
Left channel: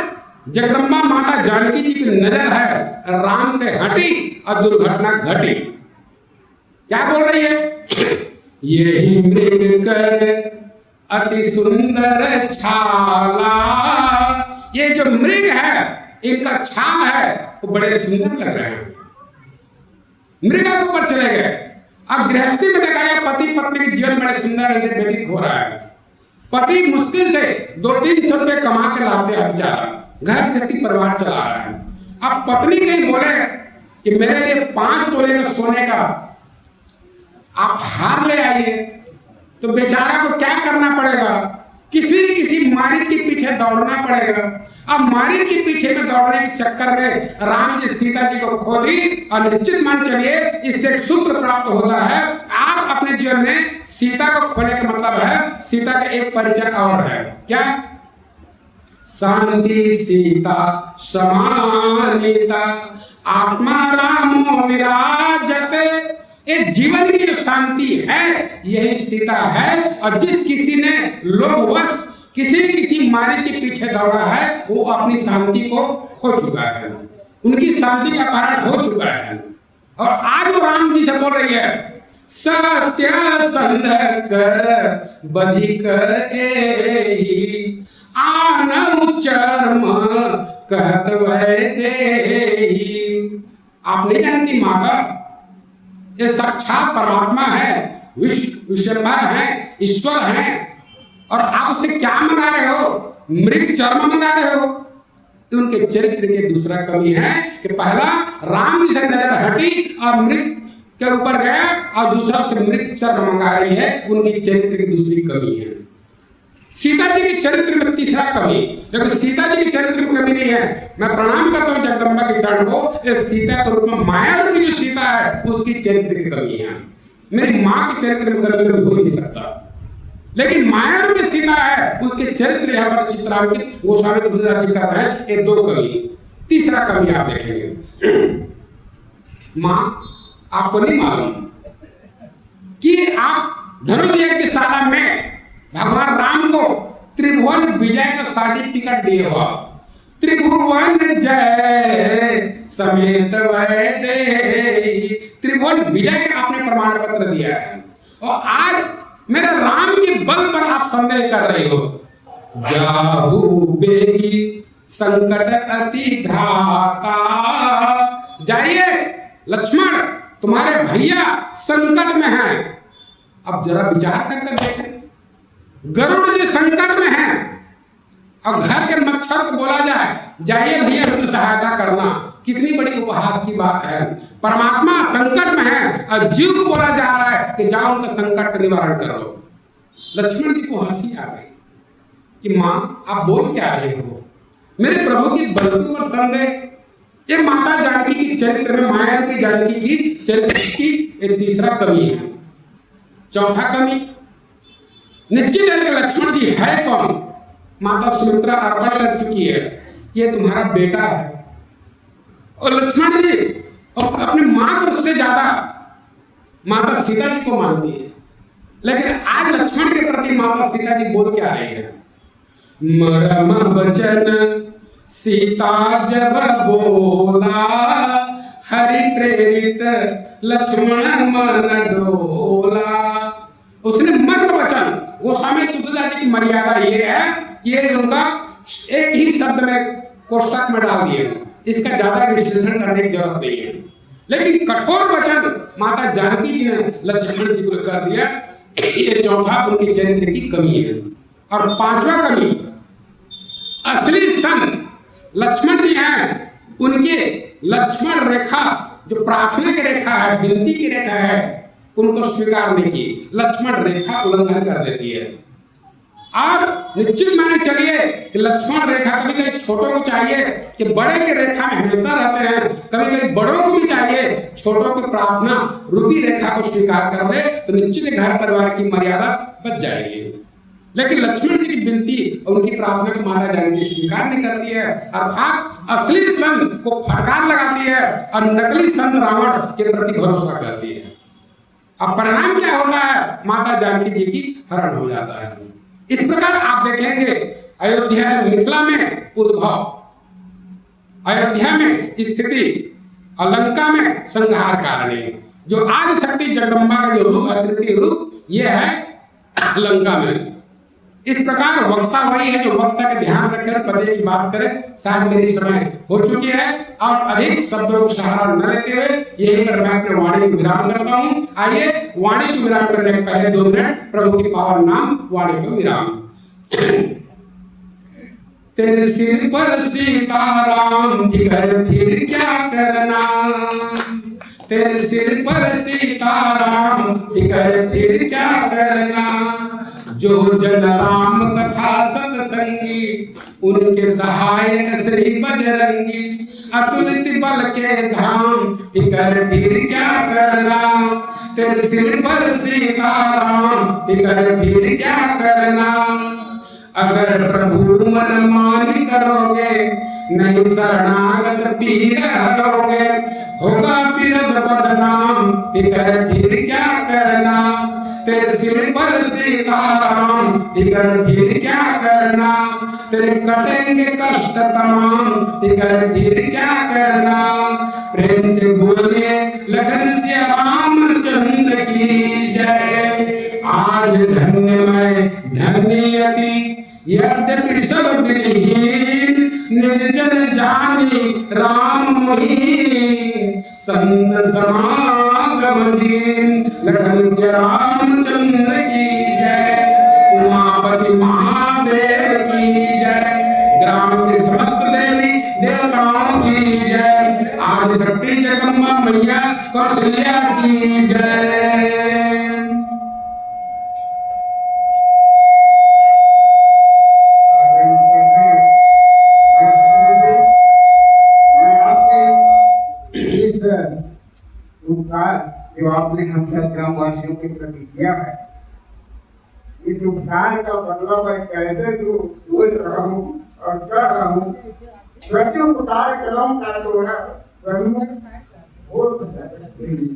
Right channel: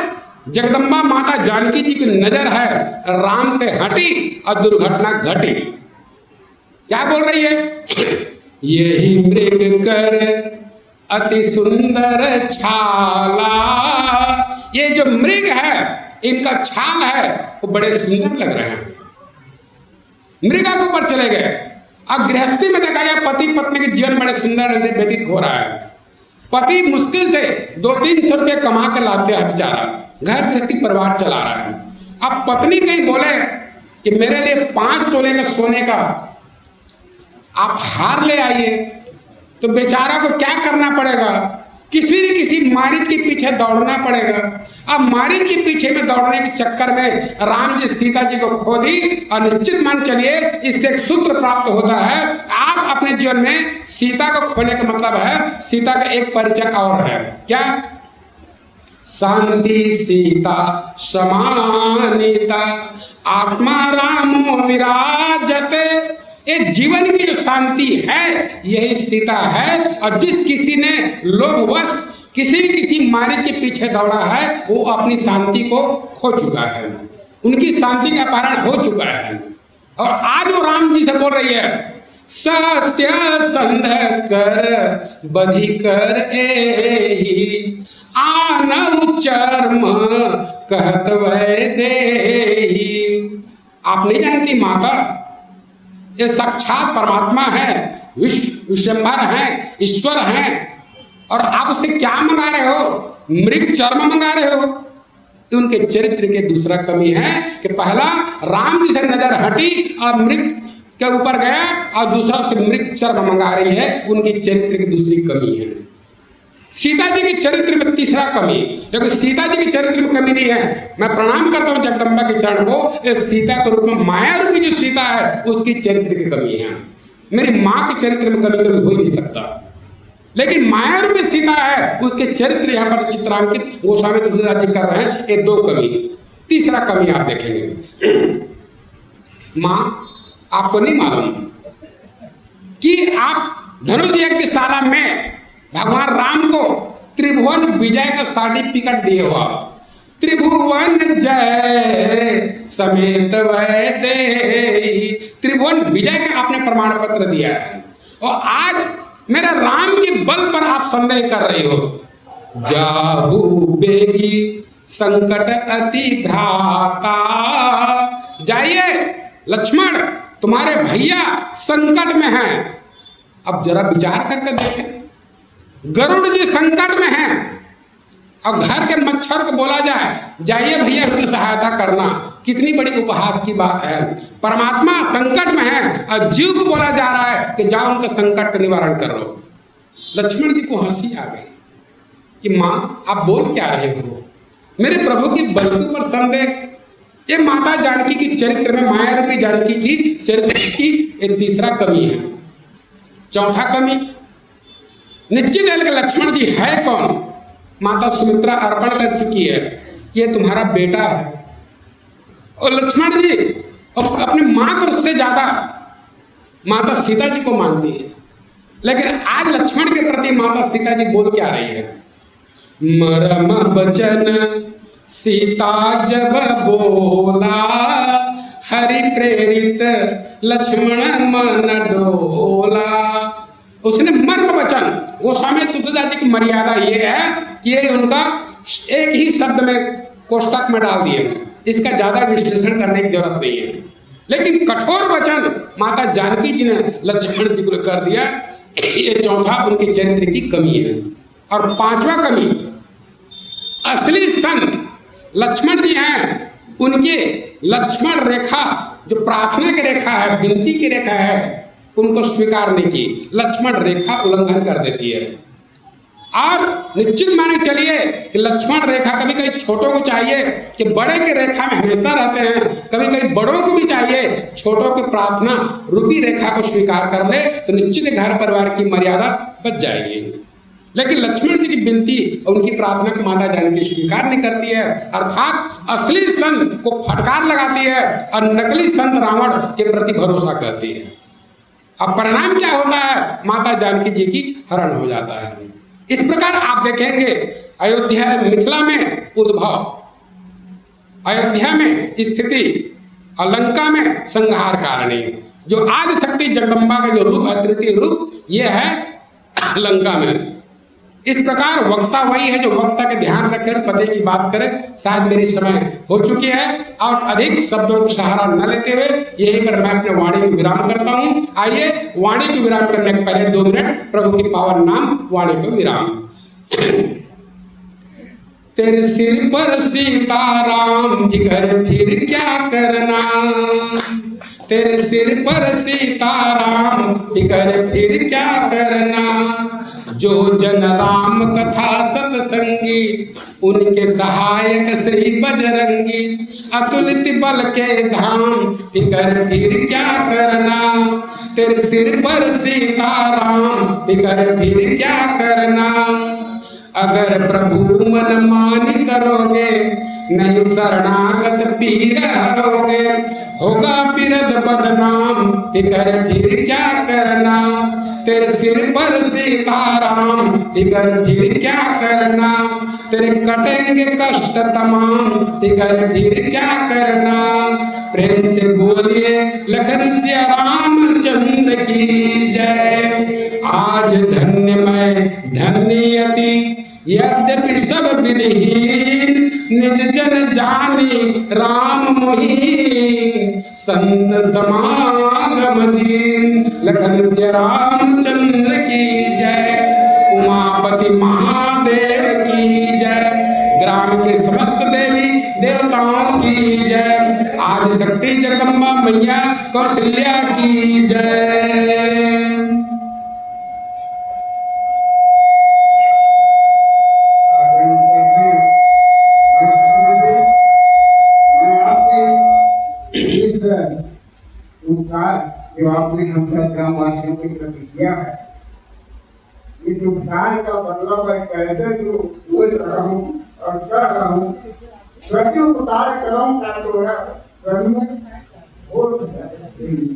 जगदम्बा माता जानकी जी की नजर है राम से हटी और दुर्घटना घटी। क्या बोल रही है? यही मृग कर अति सुंदर छाला। ये जो मृग है इनका छाल है वो बड़े सुंदर लग रहे हैं। मृगा के ऊपर चले गए। अब गृहस्थी में देखा गया पति पत्नी के जीवन बड़े सुंदर ढंग से व्यतीत हो रहा है। पति मुश्किल से 200-300 रुपये कमा के लाते हैं, बेचारा घर गृहस्थी परिवार चला रहा है। अब पत्नी कहीं बोले कि मेरे लिए 5 तोले का सोने का आप हार ले आइए, तो बेचारा को क्या करना पड़ेगा? किसी न किसी मारीच के पीछे दौड़ना पड़ेगा। अब मारीच के पीछे में दौड़ने के चक्कर में राम जी सीता जी को खो दी। और निश्चित मान चलिए इससे एक सूत्र प्राप्त होता है, आप अपने जीवन में सीता को खोने का मतलब है सीता का एक परिचय और है। क्या? शांति सीता समानिता आत्मा रामो विराजते। ये जीवन की जो शांति है यही सीता है। और जिस किसी ने लोभवश किसी न किसी मारिच के पीछे दौड़ा है, वो अपनी शांति को खो चुका है, उनकी शांति का कारण हो चुका है। और आज वो राम जी से बोल रही है, सत्य संध कर बधि कर एहि, आनहु चर्म कहत वै देहि। आप नहीं जानती माता, ये साक्षात परमात्मा है, विश्वम्भर है, ईश्वर है, और आप उससे क्या मंगा रहे हो? मृग चर्म मंगा रहे हो। तो उनके चरित्र के दूसरा कमी है कि पहला राम जी से नजर हटी और मृग के ऊपर गया, और दूसरा से मृग चर्म मंगा रही है, उनकी चरित्र की दूसरी कमी है। सीता जी के चरित्र में तीसरा कमी, क्योंकि सीता जी के चरित्र में कमी नहीं है। मैं प्रणाम करता हूँ जगदम्बा के चरण को, इस सीता के रूप में माया रूपी जो सीता है उसकी चरित्र की कमी है। मेरी माँ के चरित्र में कभी हो ही नहीं सकता, लेकिन माया रूपी सीता है, उसके चरित्र यहाँ पर चित्रांकित गोस्वामी तुलसीदास जी कर रहे हैं। ये दो कमी। तीसरा कमी आप देखेंगे, माँ आपको नहीं मालूम कि आप धनुष यज्ञशाला में भगवान राम को त्रिभुवन विजय का सर्टिफिकेट दिए हुआ, त्रिभुवन जय समेत वै देहि, त्रिभुवन विजय का आपने प्रमाण पत्र दिया है। और आज मेरे राम के बल पर आप संदेह कर रहे हो। जाहु बेगी संकट अति भ्राता, जाइए लक्ष्मण, तुम्हारे भैया संकट में हैं। अब जरा विचार करके देखें, गरुड़ जी संकट में हैं और घर के मच्छर को बोला जाए जाइए भैया उसकी सहायता करना, कितनी बड़ी उपहास की बात है। परमात्मा संकट में है और जीव को बोला जा रहा है कि जाओ उनका संकट का निवारण कर लो। लक्ष्मण जी को हंसी आ गई कि माँ आप बोल क्या रहे हो, मेरे प्रभु की बल के ऊपर संदेह। ये माता जानकी की चरित्र में, माया रूपी जानकी की चरित्र की एक तीसरा कमी है। चौथा कमी, निश्चित है कि लक्ष्मण जी है कौन? माता सुमित्रा अर्पण कर चुकी है कि ये तुम्हारा बेटा है, और लक्ष्मण जी अपने माँ को उससे ज्यादा माता सीता जी को मानती है। लेकिन आज लक्ष्मण के प्रति माता सीता जी बोल क्या रही है? मरम बचन सीता जब बोला, हरि प्रेरित लक्ष्मण मन डोला। उसने मर्म वचन, गोस्वामी तुलसीदास जी की मर्यादा ये है कि ये उनका एक ही शब्द में कोष्टक में डाल दिए, इसका ज्यादा विश्लेषण करने की जरूरत नहीं है। लेकिन कठोर वचन माता जानकी जी ने लक्ष्मण जी को कर दिया। ये चौथा उनके चरित्र की कमी है। और पांचवा कमी, असली संत लक्ष्मण जी हैं, उनके लक्ष्मण रेखा जो प्रार्थना की रेखा है, विनती की रेखा है, उनको स्वीकार नहीं की, लक्ष्मण रेखा उल्लंघन कर देती है। और निश्चित माने चलिए कि लक्ष्मण रेखा कभी कभी छोटों को चाहिए कि बड़े के रेखा में हमेशा रहते हैं, कभी कभी बड़ों को भी चाहिए छोटों की प्रार्थना रूपी रेखा को स्वीकार कर ले तो निश्चित घर परिवार की मर्यादा बच जाएगी। लेकिन लक्ष्मण जी की विनती और उनकी प्रार्थना को माता जानकी स्वीकार नहीं करती है, अर्थात असली संत को फटकार लगाती है और नकली संत रावण के प्रति भरोसा करती है। अब परिणाम क्या होता है? माता जानकी जी की हरण हो जाता है। इस प्रकार आप देखेंगे अयोध्या मिथिला में उद्भव, अयोध्या में स्थिति और लंका में संहार कारणी। जो आदि शक्ति जगदम्बा का जो रूप है, तृतीय रूप, ये है लंका में। इस प्रकार वक्ता वही है जो वक्ता के ध्यान रखे और पते की बात करे। शायद मेरी समय हो चुकी है और अधिक शब्दों को सहारा न लेते हुए यही पर मैं अपने वाणी को विराम करता हूँ। आइए वाणी को विराम करने के पहले 2 मिनट प्रभु के पावन नाम वाणी को विराम। तेरे सिर पर सीताराम जिगर फिर क्या करना, तेरे सिर पर सीताराम जिगर फिर क्या करना। जो जन राम कथा सतसंगी उनके सहायक श्री बजरंगी। अतुलित बल के धाम फिकर फिर क्या करना, तेरे सिर पर सीताराम फिकर फिर क्या करना। अगर प्रभु मन मानी करोगे नहीं शरणागत पीर हरोगे। होगा बिरद बदनाम फिकर फिर क्या करना, तेरे सिर पर सीताराम, फिकर फिर क्या करना, तेरे कटेंगे कष्ट तमाम, फिकर फिर क्या करना। प्रेम से बोलिए लखन सिया रामचंद्र की जय। आज धन्य मैं धन्यति यद्यपि सब विधिहीन, निज जन जानी राम मोहि, संत समागम दीन। लखन सिया रामचंद्र की जय। उमापति महादेव की जय। ग्राम के समस्त देवी देवताओं की जय। आदि शक्ति जगदम्बा मैया कौशल्या की जय। मैं आपके इस उपकार जो आपने हम सब ग्रामवासियों के प्रति किया है, इस उपकार का बदला मैं कैसे जो बोल रहा हूँ और कर रहा हूँ। प्रति उपकार करूँ का तोड़ा सर्व बहुत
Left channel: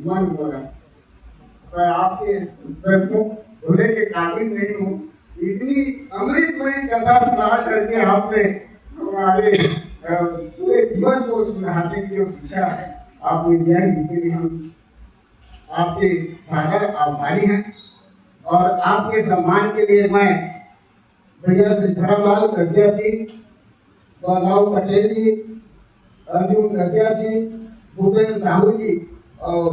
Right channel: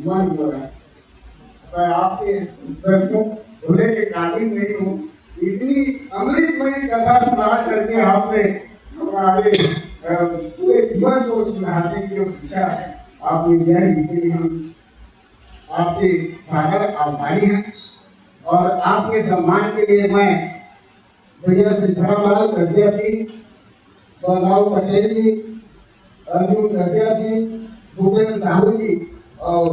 मन हो रहा है। मैं आपके सर्वमुख होने के काबिल नहीं हूँ। इतनी अमृतमयी कथा सुना करके आपने हमारे पूरे जीवन को सुधारने की जो शिक्षा आपने दिया है, इसलिए हम आपके सागर आभारी हैं। और आपके सम्मान के लिए मैं भैया सिद्धारामलाल कसिया जी, बलराव पटेल जी, अर्जुन कसिया जी, भूपेंद्र साहू जी और